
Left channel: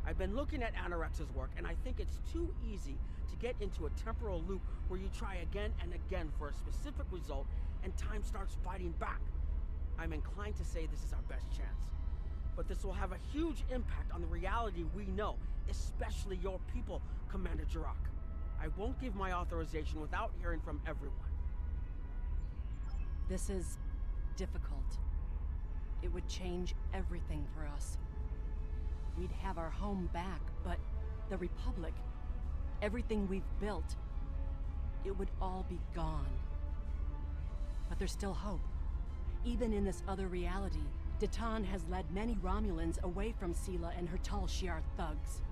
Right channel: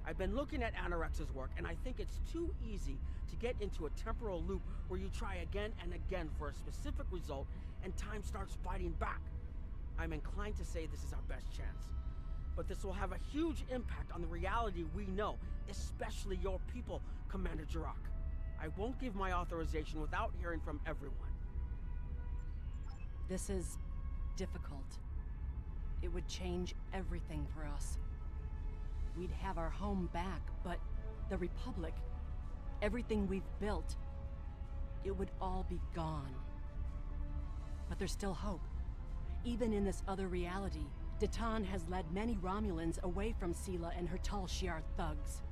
I've been looking at Anorex's work, and I think it's too easy to get into a temporal loop where you try again and again for a specific result, and time starts fighting back. I'm inclined to say this is our best chance. But this will have a huge impact on the reality we know, especially your people, Commander Jirok. I won't give my authorization without hearing from everyone. This is difficult. It would change everything for us. We'd have our home back, but the Republic, everything we've built, it would all be gone. But there's still hope. Even in this other reality, Titan has led many Romulans away from Sela and her Tal Shiar thugs.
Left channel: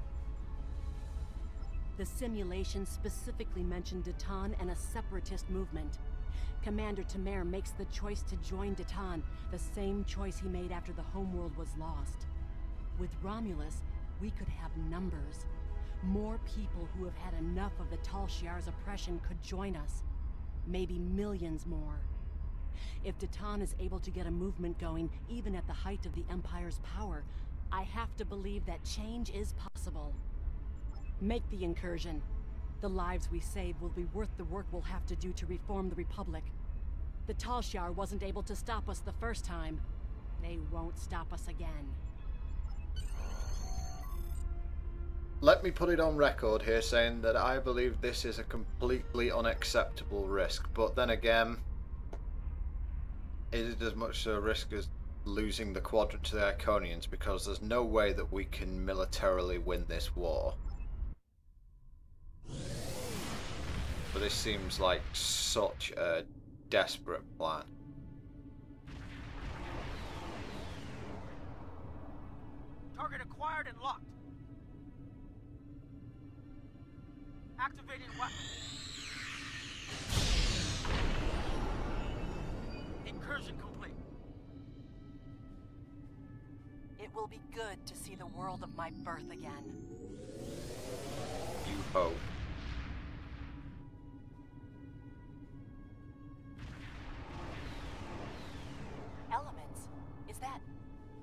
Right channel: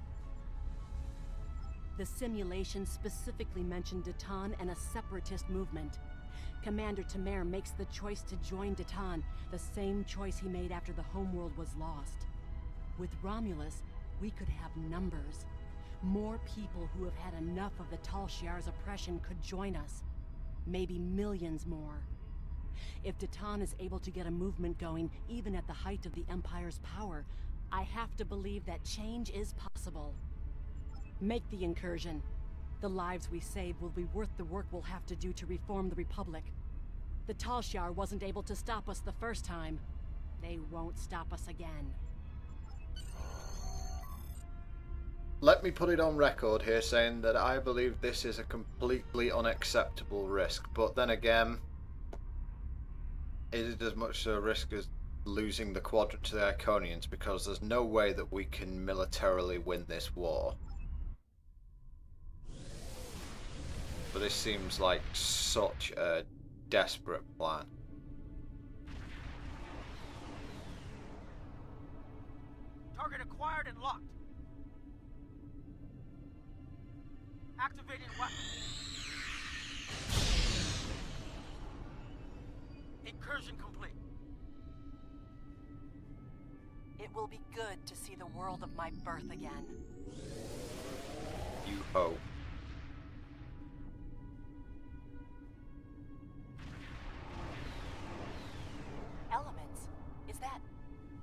The simulation specifically mentioned Titan and a separatist movement. Commander Tamer makes the choice to join Titan, the same choice he made after the homeworld was lost. With Romulus, we could have numbers. More people who have had enough of the Tal Shiar's oppression could join us. Maybe millions more. If Titan is able to get a movement going, even at the height of the Empire's power, I have to believe that change is possible. Make the incursion. The lives we save will be worth the work we'll have to do to reform the Republic. The Talshar wasn't able to stop us the first time. They won't stop us again. Let me put it on record here saying that I believe this is a completely unacceptable risk, but then again, is it as much a risk as losing the quadrant to the Iconians, because there's no way that we can militarily win this war. But this seems like such a desperate plan. Target acquired and locked. Activating weapon. Incursion complete. It will be good to see the world of my birth again. You hope. Elements? Is that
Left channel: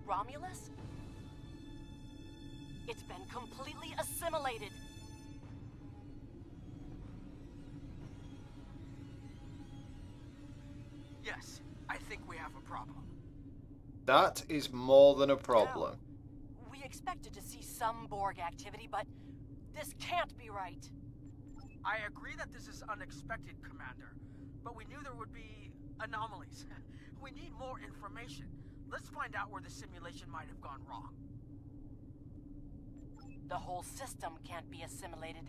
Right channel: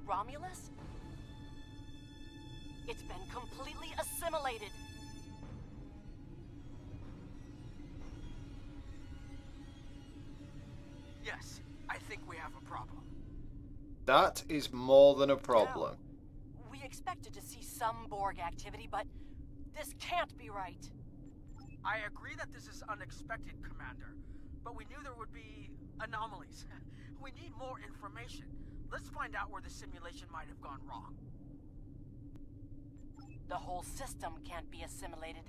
Romulus? It's been completely assimilated. Yes, I think we have a problem. That is more than a problem. No. We expected to see some Borg activity, but this can't be right. I agree that this is unexpected, Commander, but we knew there would be anomalies. We need more information. Let's find out where the simulation might have gone wrong. The whole system can't be assimilated,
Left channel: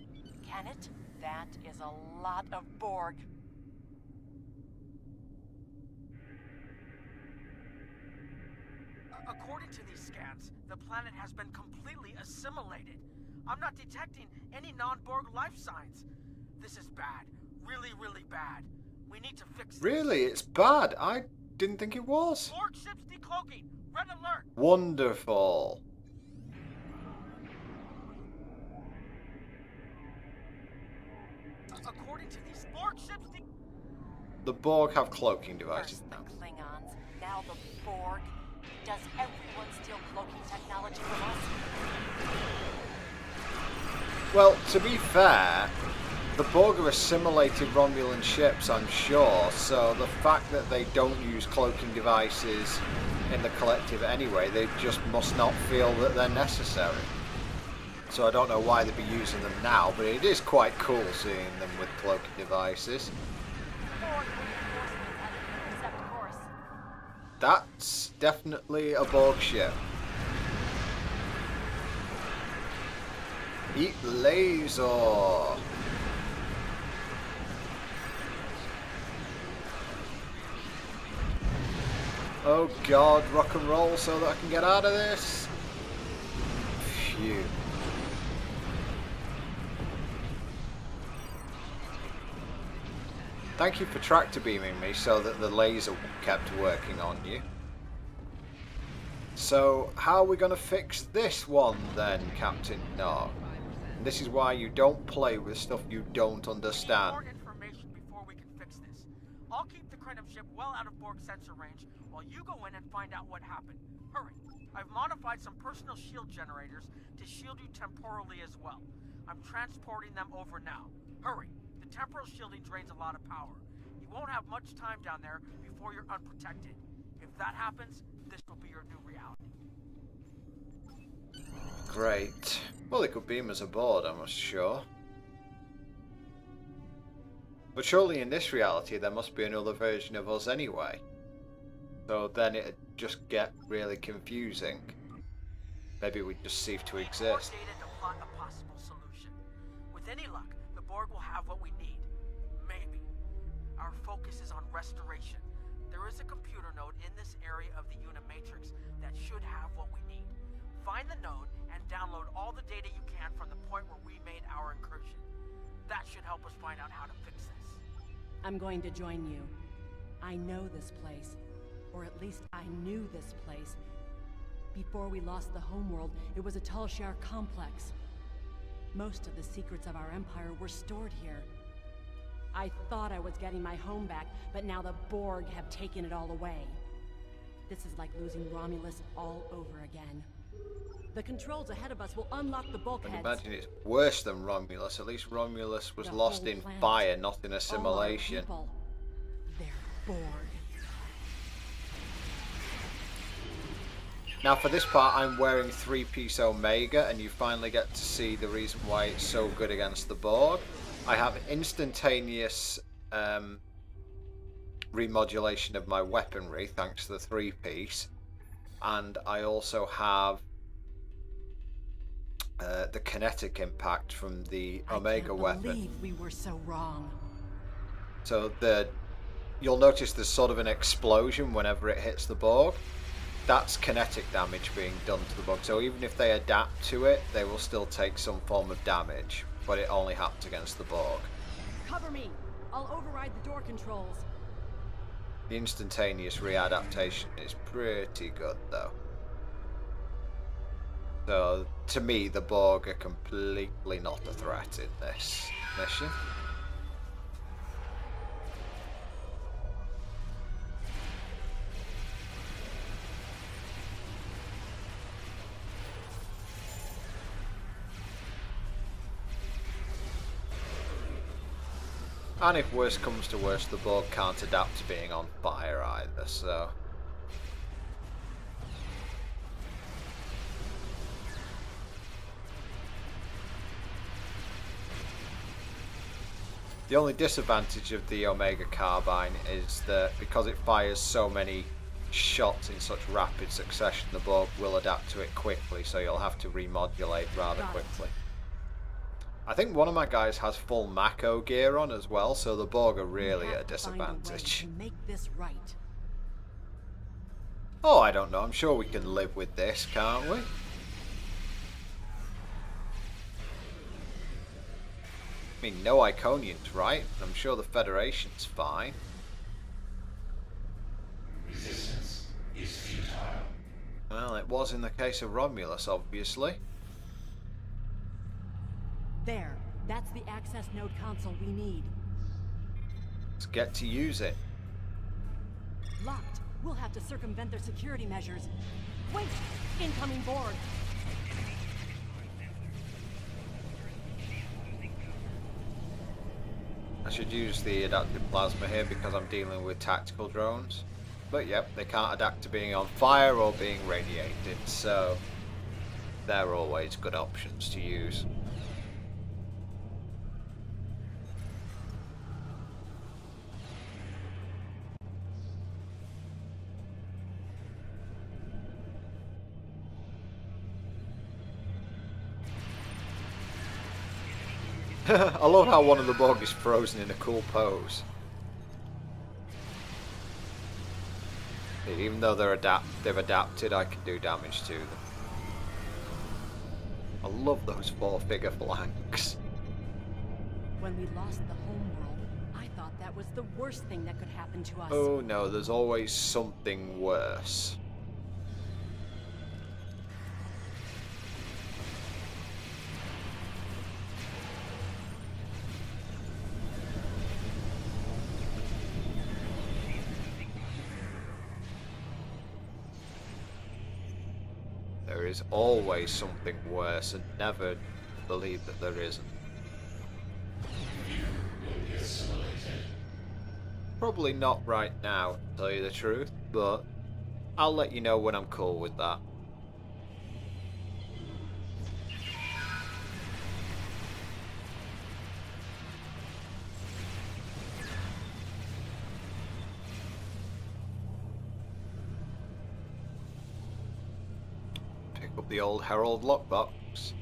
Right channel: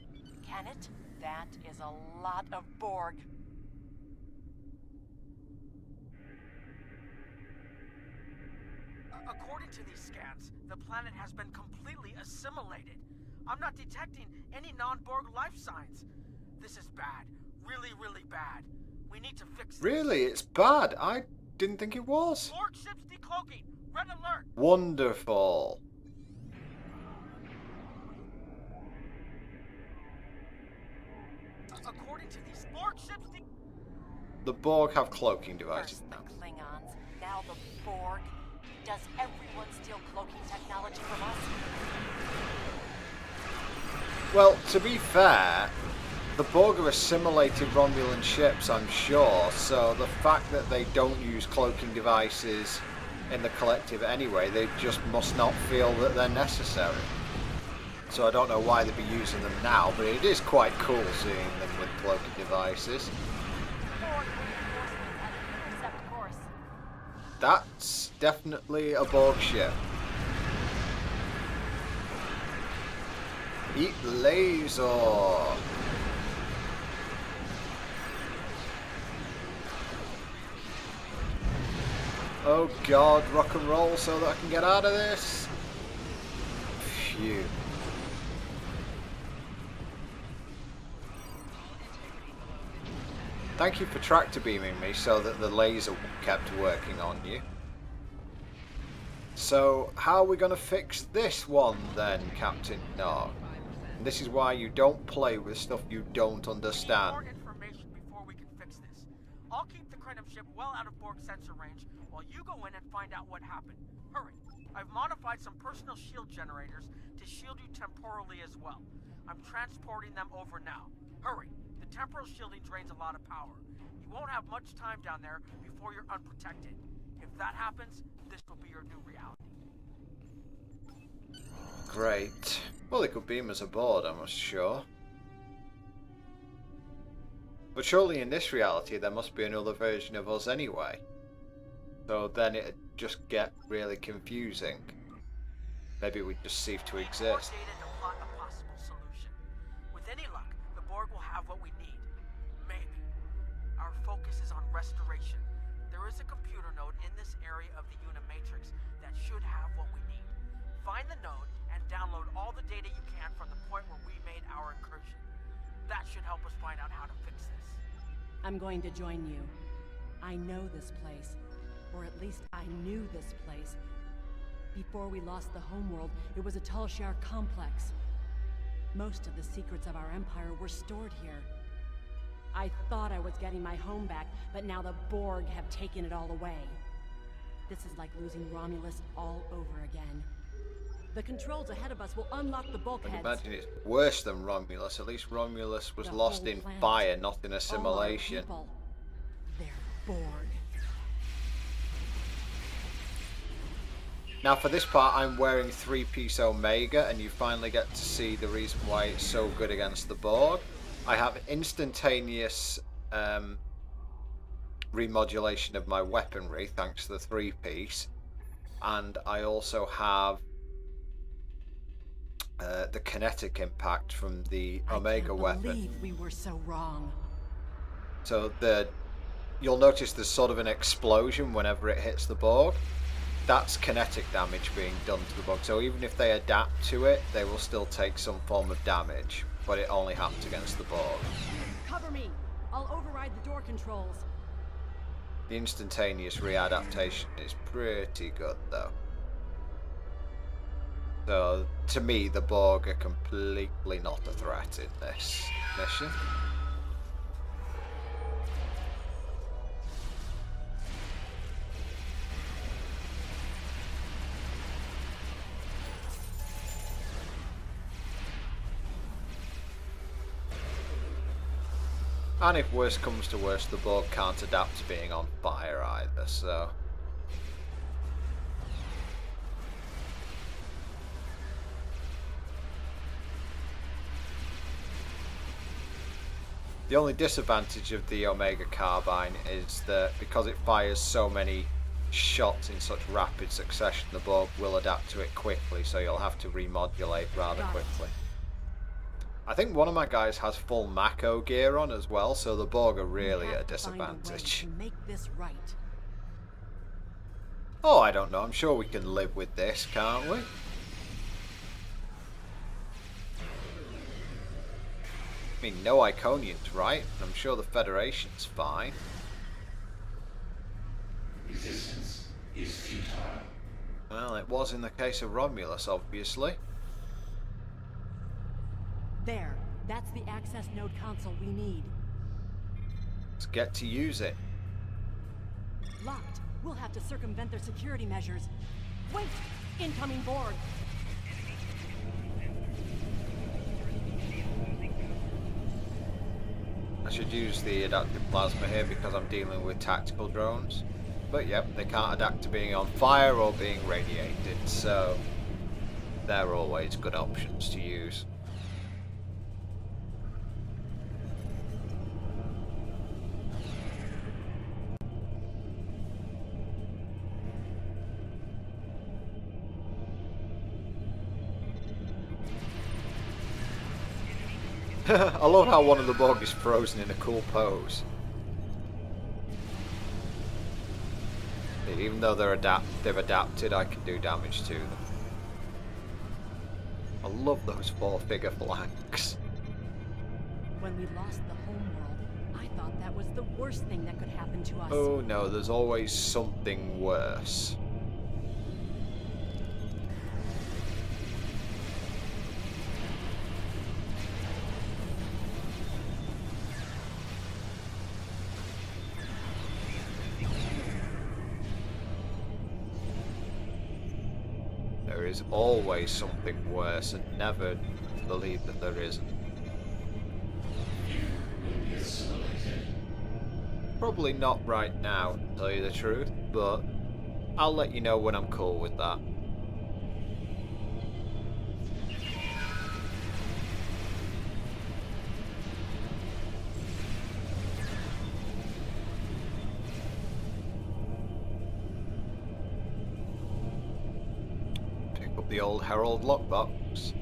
can it? That is a lot of Borg. According to these scans, the planet has been completely assimilated. I'm not detecting any non-Borg life signs. This is bad. Really, really bad. We need to fix this. Really? It's bad? I didn't think it was. Borg ships decloaking. Red alert. Wonderful. According to these Borg ships The Borg have cloaking devices First now. the Klingons, now the Borg. Does everyone steal cloaking technology from us? Well, to be fair, the Borg have assimilated Romulan ships, I'm sure, so the fact that they don't use cloaking devices in the collective anyway, they just must not feel that they're necessary. So I don't know why they'd be using them now, but it is quite cool seeing them with cloaking devices. That's definitely a Borg ship. Eat laser! Oh god, rock and roll so that I can get out of this. Phew. Thank you for tractor beaming me so that the laser kept working on you. So, how are we going to fix this one then, Captain Nog? This is why you don't play with stuff you don't understand. more information before we can fix this. I'll keep the Krenim ship well out of Borg sensor range while you go in and find out what happened. Hurry. I've modified some personal shield generators to shield you temporally as well. I'm transporting them over now. Hurry. The temporal shielding drains a lot of power. You won't have much time down there before you're unprotected. If that happens, this will be your new reality. Great. Well, they could beam us aboard, I'm sure. But surely in this reality there must be another version of us anyway. So then it'd just get really confusing. Maybe we'd just cease to exist. More data to plot a possible solution. With any luck, the Borg will have what we need. Maybe. Our focus is on restoration. There is a computer node in this area of the Unimatrix that should have what we need. Find the node and download all the data you can from the point where we made our incursion. That should help us find out how to fix this. I'm going to join you. I know this place. Or at least I knew this place. Before we lost the homeworld, it was a Talshar complex. Most of the secrets of our empire were stored here. I thought I was getting my home back, but now the Borg have taken it all away. This is like losing Romulus all over again. The controls ahead of us will unlock the I bulkheads. imagine it's worse than Romulus. At least Romulus was The lost whole in planet. fire, not in All our assimilation. people. They're bored. Now for this part I'm wearing 3-piece Omega, and you finally get to see the reason why it's so good against the Borg. I have instantaneous remodulation of my weaponry thanks to the 3-piece, and I also have the kinetic impact from the Omega weapon. I can't believe we were so wrong. So you'll notice there's sort of an explosion whenever it hits the Borg. That's kinetic damage being done to the Borg. So even if they adapt to it, they will still take some form of damage, but it only happens against the Borg. Cover me. I'll override the door controls. The instantaneous readaptation is pretty good though. So to me, the Borg are completely not a threat in this mission. And if worse comes to worse, the Borg can't adapt to being on fire either, so... The only disadvantage of the Omega Carbine is that because it fires so many shots in such rapid succession, the Borg will adapt to it quickly, so you'll have to remodulate rather quickly. I think one of my guys has full Mako gear on as well, so the Borg are really at a disadvantage. To make this right. Oh, I don't know. I'm sure we can live with this, can't we? I mean, no Iconians, right? I'm sure the Federation's fine. Resistance is futile. Well, it was in the case of Romulus, obviously. There. That's the access node console we need. Let's get to use it. Locked. We'll have to circumvent their security measures. Wait! Incoming Borg! I should use the adaptive plasma here because I'm dealing with tactical drones. But yep, they can't adapt to being on fire or being radiated, so they're always good options to use. I love how one of the Borg is frozen in a cool pose. Even though they've adapted, I can do damage to them. I love those 4-figure flanks. When we lost the homeworld, I thought that was the worst thing that could happen to us. Oh no, there's always something worse. There is always something worse, and never believe that there isn't. You will be assimilated. Probably not right now, to tell you the truth, but I'll let you know when I'm cool with that. The old Herald lockbox.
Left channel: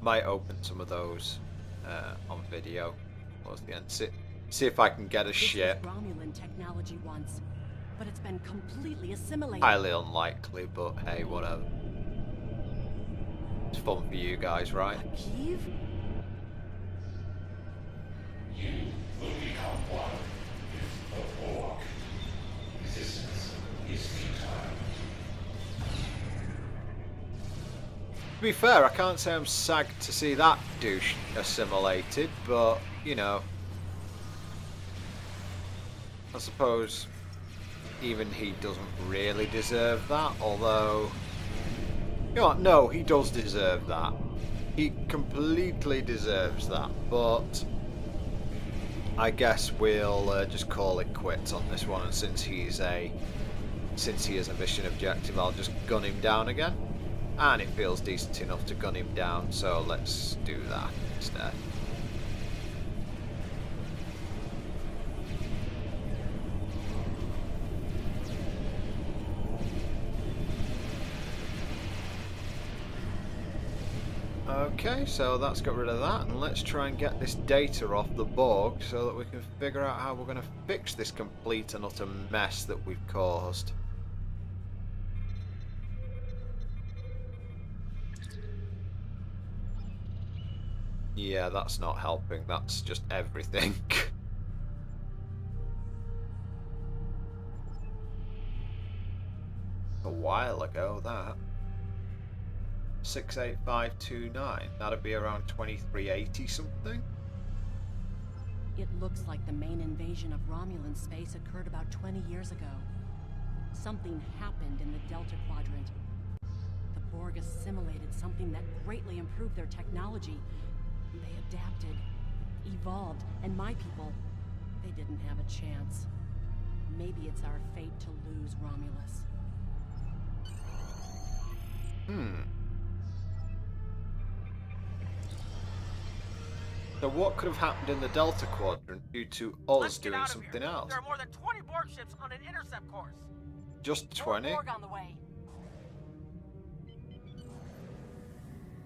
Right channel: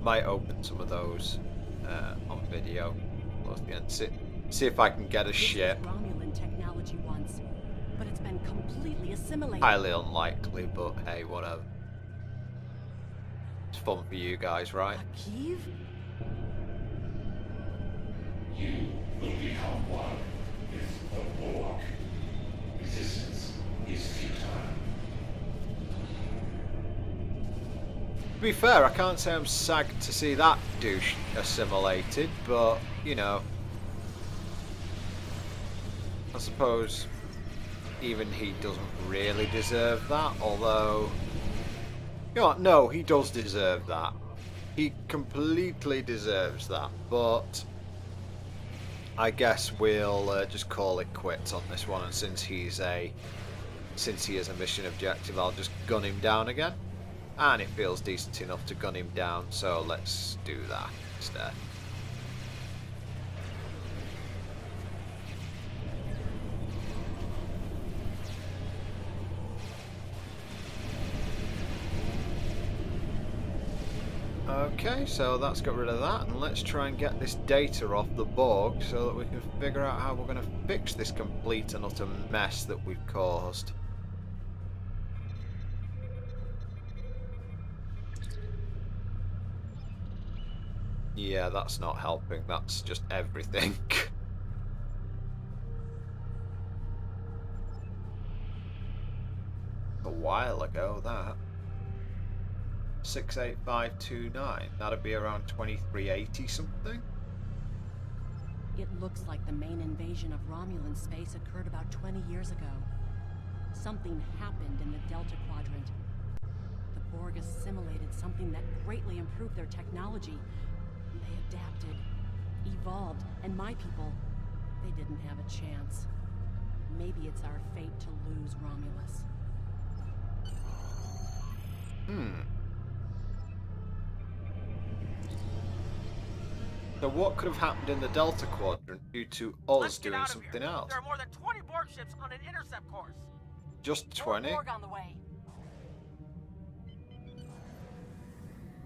Might open some of those on video towards the end. See if I can get a ship. This was Romulan technology once, but it's been completely assimilated. Highly unlikely, but hey, whatever. It's fun for you guys, right? Kyiv? You will become one with the Borg. Resistance is futile. To be fair, I can't say I'm sagged to see that douche assimilated, but, you know, I suppose even he doesn't really deserve that, although You know what? No, he does deserve that. He completely deserves that. But I guess we'll just call it quits on this one. And since he is a mission objective, I'll just gun him down again. And it feels decent enough to gun him down, so let's do that instead. Okay, so that's got rid of that, and let's try and get this data off the Borg so that we can figure out how we're going to fix this complete and utter mess that we've caused. Yeah, that's not helping, that's just everything. A while ago, that. 68529, that'd be around 2380 something? It looks like the main invasion of Romulan space occurred about 20 years ago. Something happened in the Delta Quadrant. The Borg assimilated something that greatly improved their technology. They adapted, evolved, and my people, they didn't have a chance. Maybe it's our fate to lose Romulus. So what could have happened in the Delta Quadrant due to us doing something else? There are more than 20 Borg ships on an intercept course. Just 20? Borg on the way.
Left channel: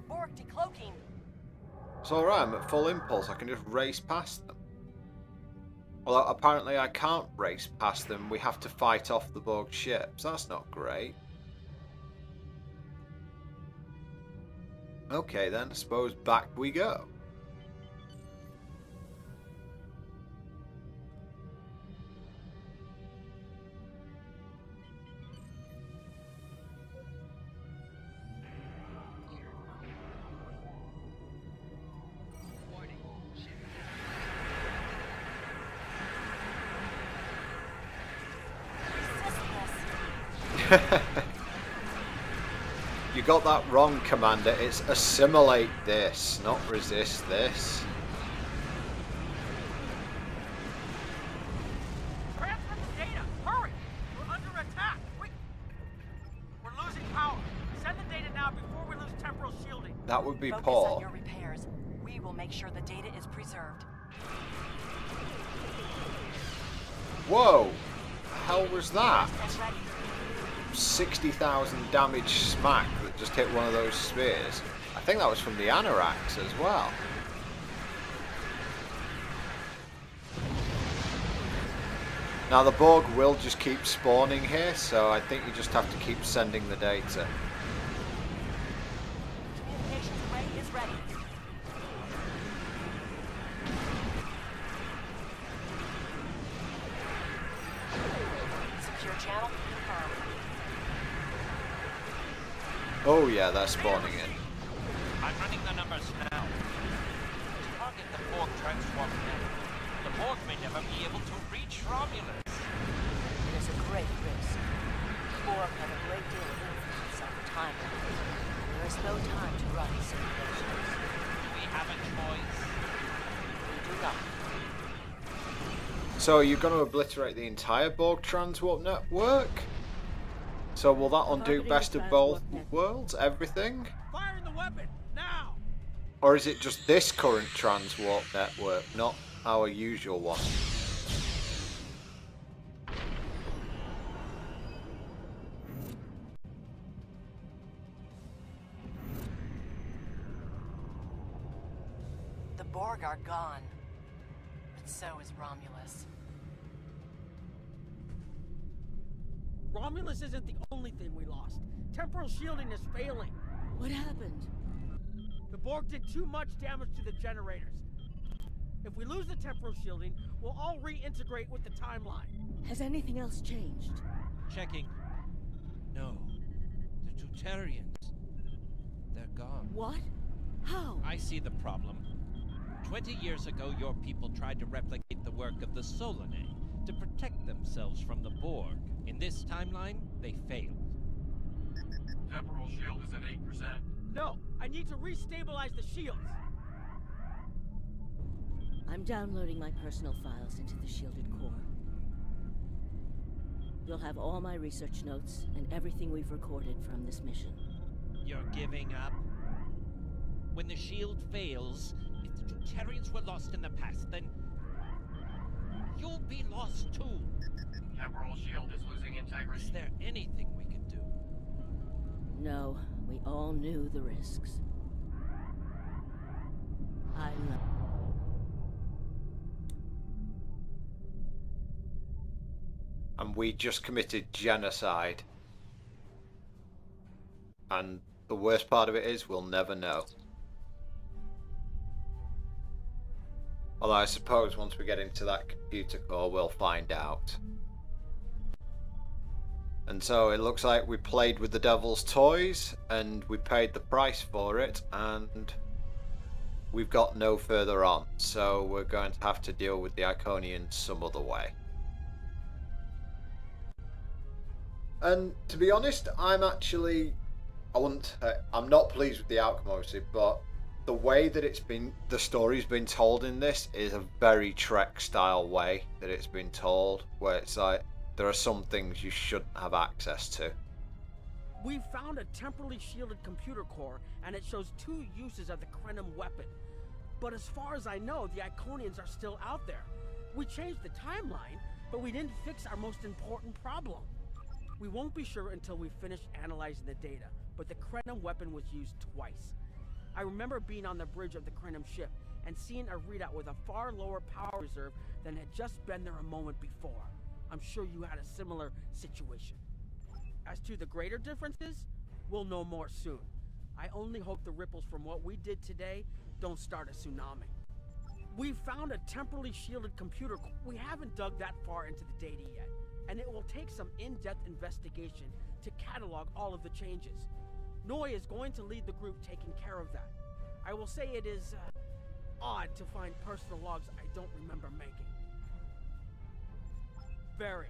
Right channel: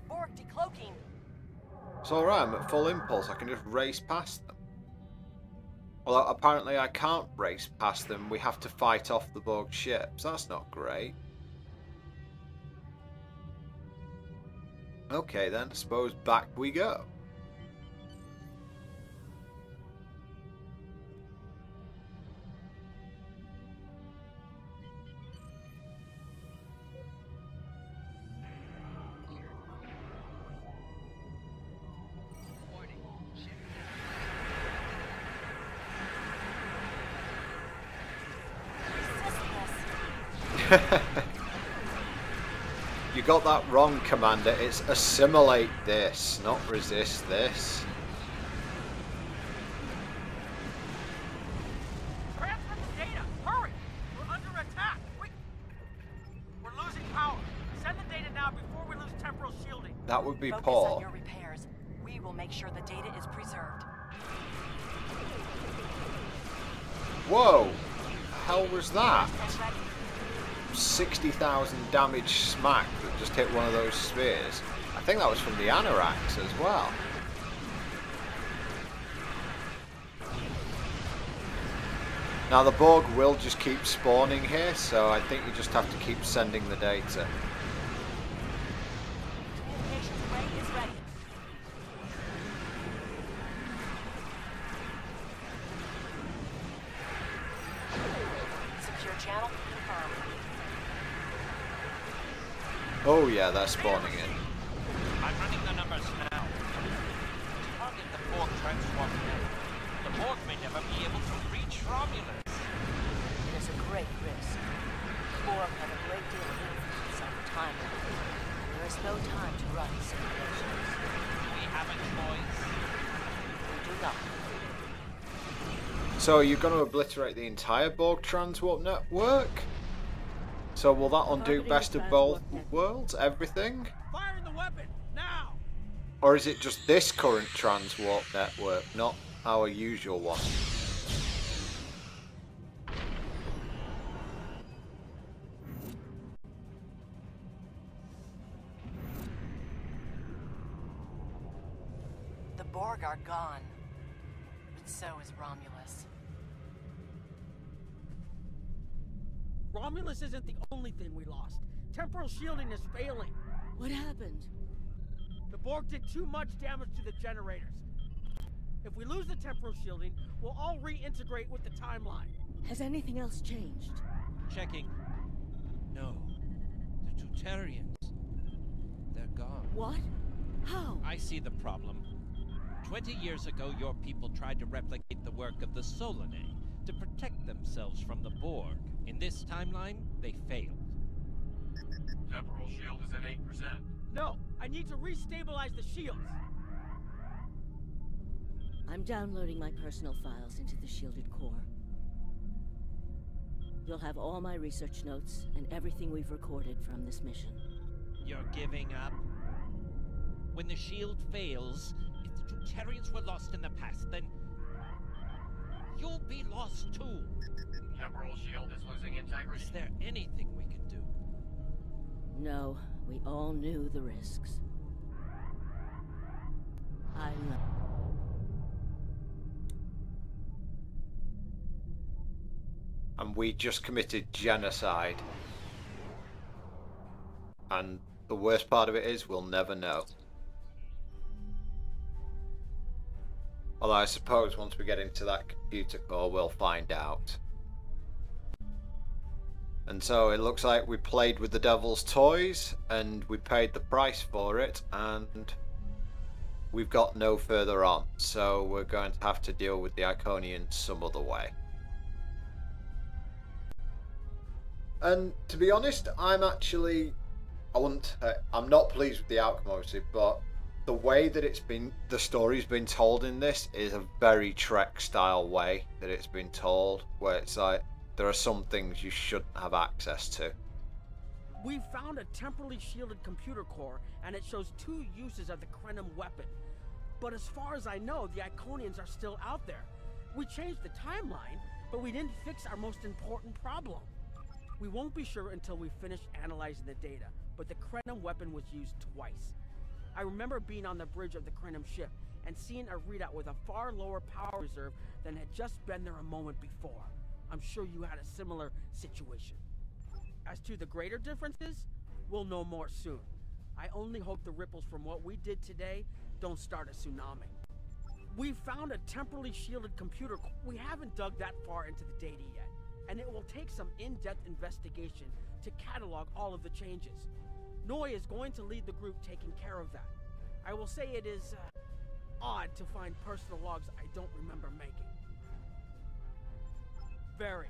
Borg decloaking. It's alright, I'm at full impulse, I can just race past them. Although apparently I can't race past them, we have to fight off the Borg ships. That's not great. Okay then, I suppose back we go. You got that wrong, Commander. It's assimilate this, not resist this. Transmit the data! Hurry! We're under attack! We're losing power. Send the data now before we lose temporal shielding. That would be Focus poor. on your repairs. We will make sure the data is preserved. Whoa! The hell was that? 60,000 damage smack that just hit one of those spheres. I think that was from the anoraks as well. Now the Borg will just keep spawning here, so I think you just have to keep sending the data. Communications array is ready. Secure channel confirmed. Oh yeah, they're spawning in. I'm running the numbers now. Target the Borg transform network. The Borg may never be able to reach Romulus. It is a great risk. Borg have a great deal of influence on the timeline. There is no time to run simulations. Do we have a choice? We do not. So you're going to obliterate the entire Borg transwarp network? So will that undo best of both worlds? Everything? Fire in the weapon! Now! Or is it just this current transwarp network, not our usual one? The Borg are gone. But so is Romulus. Romulus isn't the only thing we lost. Temporal shielding is failing. What happened? The Borg did too much damage to the generators. If we lose the temporal shielding, we'll all reintegrate with the timeline. Has anything else changed? Checking. No. The Tutarians. They're gone. What? How? I see the problem. 20 years ago, your people tried to replicate the work of the Solanae to protect themselves from the Borg. In this timeline, they failed. Temporal shield is at 8%. No, I need to restabilize the shields. I'm downloading my personal files into the shielded core. You'll have all my research notes and everything we've recorded from this mission. You're giving up? When the shield fails, if the Tutarians were lost in the past, then you'll be lost too. Temporal shield is losing integrity. Is there anything we can do? No, we all knew the risks. I love... And we just committed genocide. And the worst part of it is we'll never know. Although I suppose once we get into that computer core we'll find out. And so it looks like we played with the devil's toys and we paid the price for it, and we've got no further on. So we're going to have to deal with the Iconians some other way. And to be honest, I'm not pleased with the outcome obviously, but the way that the story's been told in this is a very Trek style way that it's been told, where it's like, there are some things you shouldn't have access to. We found a temporally shielded computer core, and it shows 2 uses of the Krenim weapon. But as far as I know, the Iconians are still out there. We changed the timeline, but we didn't fix our most important problem. We won't be sure until we finish analyzing the data, but the Krenim weapon was used twice. I remember being on the bridge of the Krenim ship and seeing a readout with a far lower power reserve than had just been there a moment before. I'm sure you had a similar situation. As to the greater differences, we'll know more soon. I only hope the ripples from what we did today don't start a tsunami. We found a temporally shielded computer. We haven't dug that far into the data yet, and it will take some in-depth investigation to catalog all of the changes. Noi is going to lead the group taking care of that. I will say it is odd to find personal logs I don't remember making. Very.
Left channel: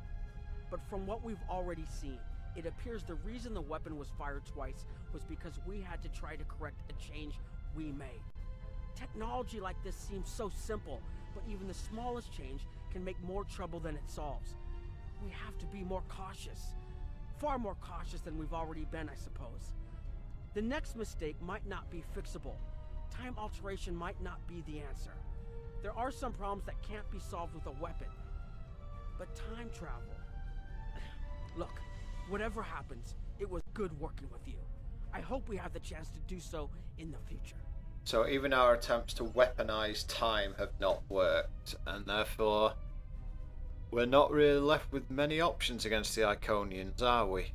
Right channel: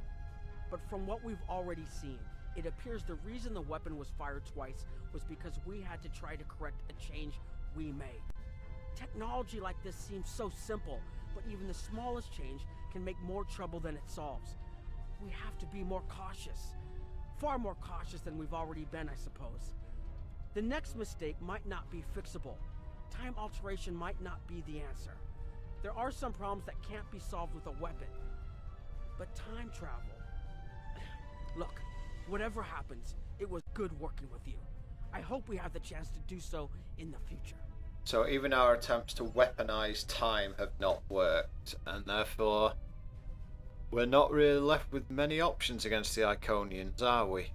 But from what we've already seen, it appears the reason the weapon was fired twice was because we had to try to correct a change we made. Technology like this seems so simple, but even the smallest change can make more trouble than it solves. We have to be more cautious. Far more cautious than we've already been, I suppose. The next mistake might not be fixable. Time alteration might not be the answer. There are some problems that can't be solved with a weapon. But time travel... Look, whatever happens, it was good working with you. I hope we have the chance to do so in the future. So even our attempts to weaponize time have not worked, and therefore we're not really left with many options against the Iconians, are we?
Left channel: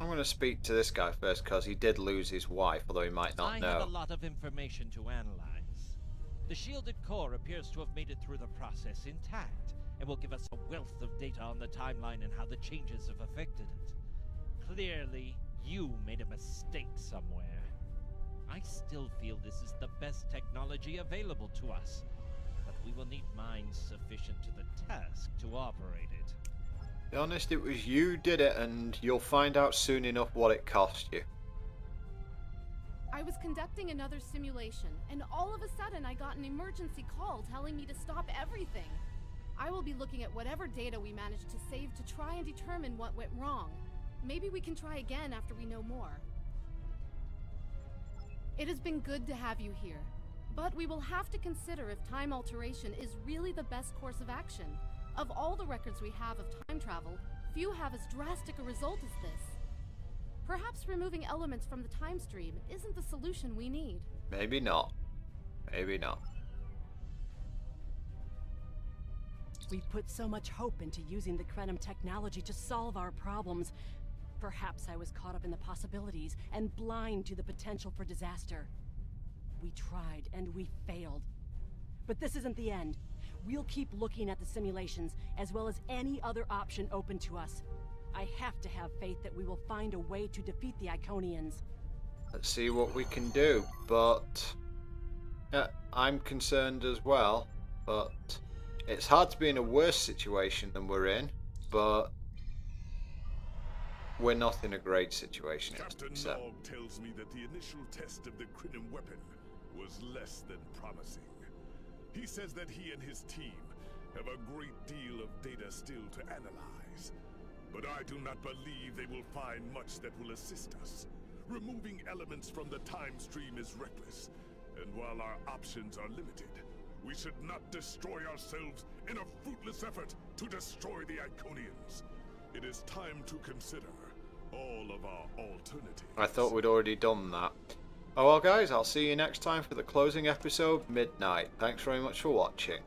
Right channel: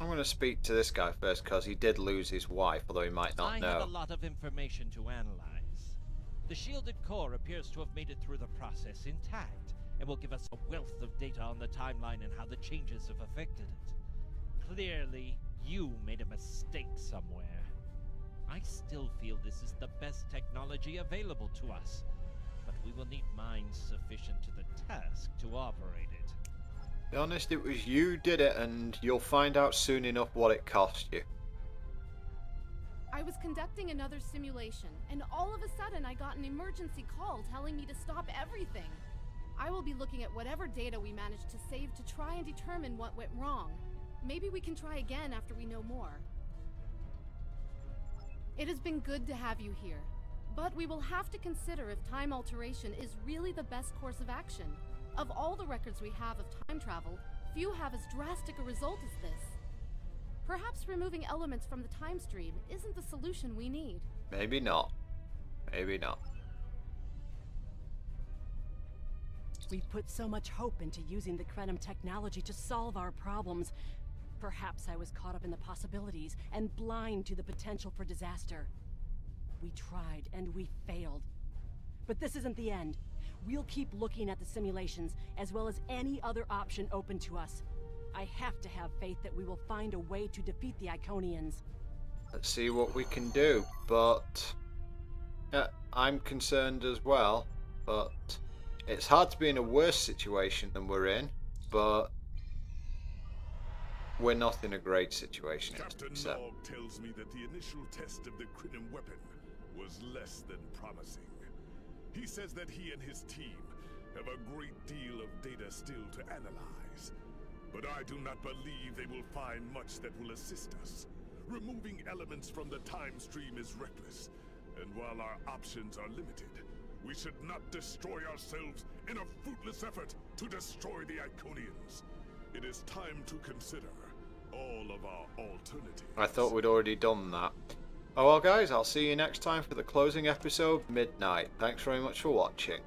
I'm going to speak to this guy first because he did lose his wife, although he might not know. I have a lot of information to analyze. The shielded core appears to have made it through the process intact, and will give us a wealth of data on the timeline and how the changes have affected it. Clearly, you made a mistake somewhere. I still feel this is the best technology available to us, but we will need minds sufficient to the task to operate it. Be honest, it was you did it, and you'll find out soon enough what it cost you. I was conducting another simulation, and all of a sudden I got an emergency call telling me to stop everything. I will be looking at whatever data we managed to save to try and determine what went wrong. Maybe we can try again after we know more. It has been good to have you here, but we will have to consider if time alteration is really the best course of action. Of all the records we have of time travel, few have as drastic a result as this. Perhaps removing elements from the time stream isn't the solution we need. Maybe not. Maybe not. We've put so much hope into using the Krenim technology to solve our problems. Perhaps I was caught up in the possibilities and blind to the potential for disaster. We tried and we failed. But this isn't the end. We'll keep looking at the simulations as well as any other option open to us. I have to have faith that we will find a way to defeat the Iconians. Let's see what we can do, but yeah, I'm concerned as well, but it's hard to be in a worse situation than we're in, but we're not in a great situation. Captain Nog tells me that the initial test of the Krenim weapon was less than promising. He says that he and his team have a great deal of data still to analyze. But I do not believe they will find much that will assist us. Removing elements from the time stream is reckless, and while our options are limited, we should not destroy ourselves in a fruitless effort to destroy the Iconians. It is time to consider all of our alternatives. I thought we'd already done that. Oh well guys, I'll see you next time for the closing episode, Midnight. Thanks very much for watching.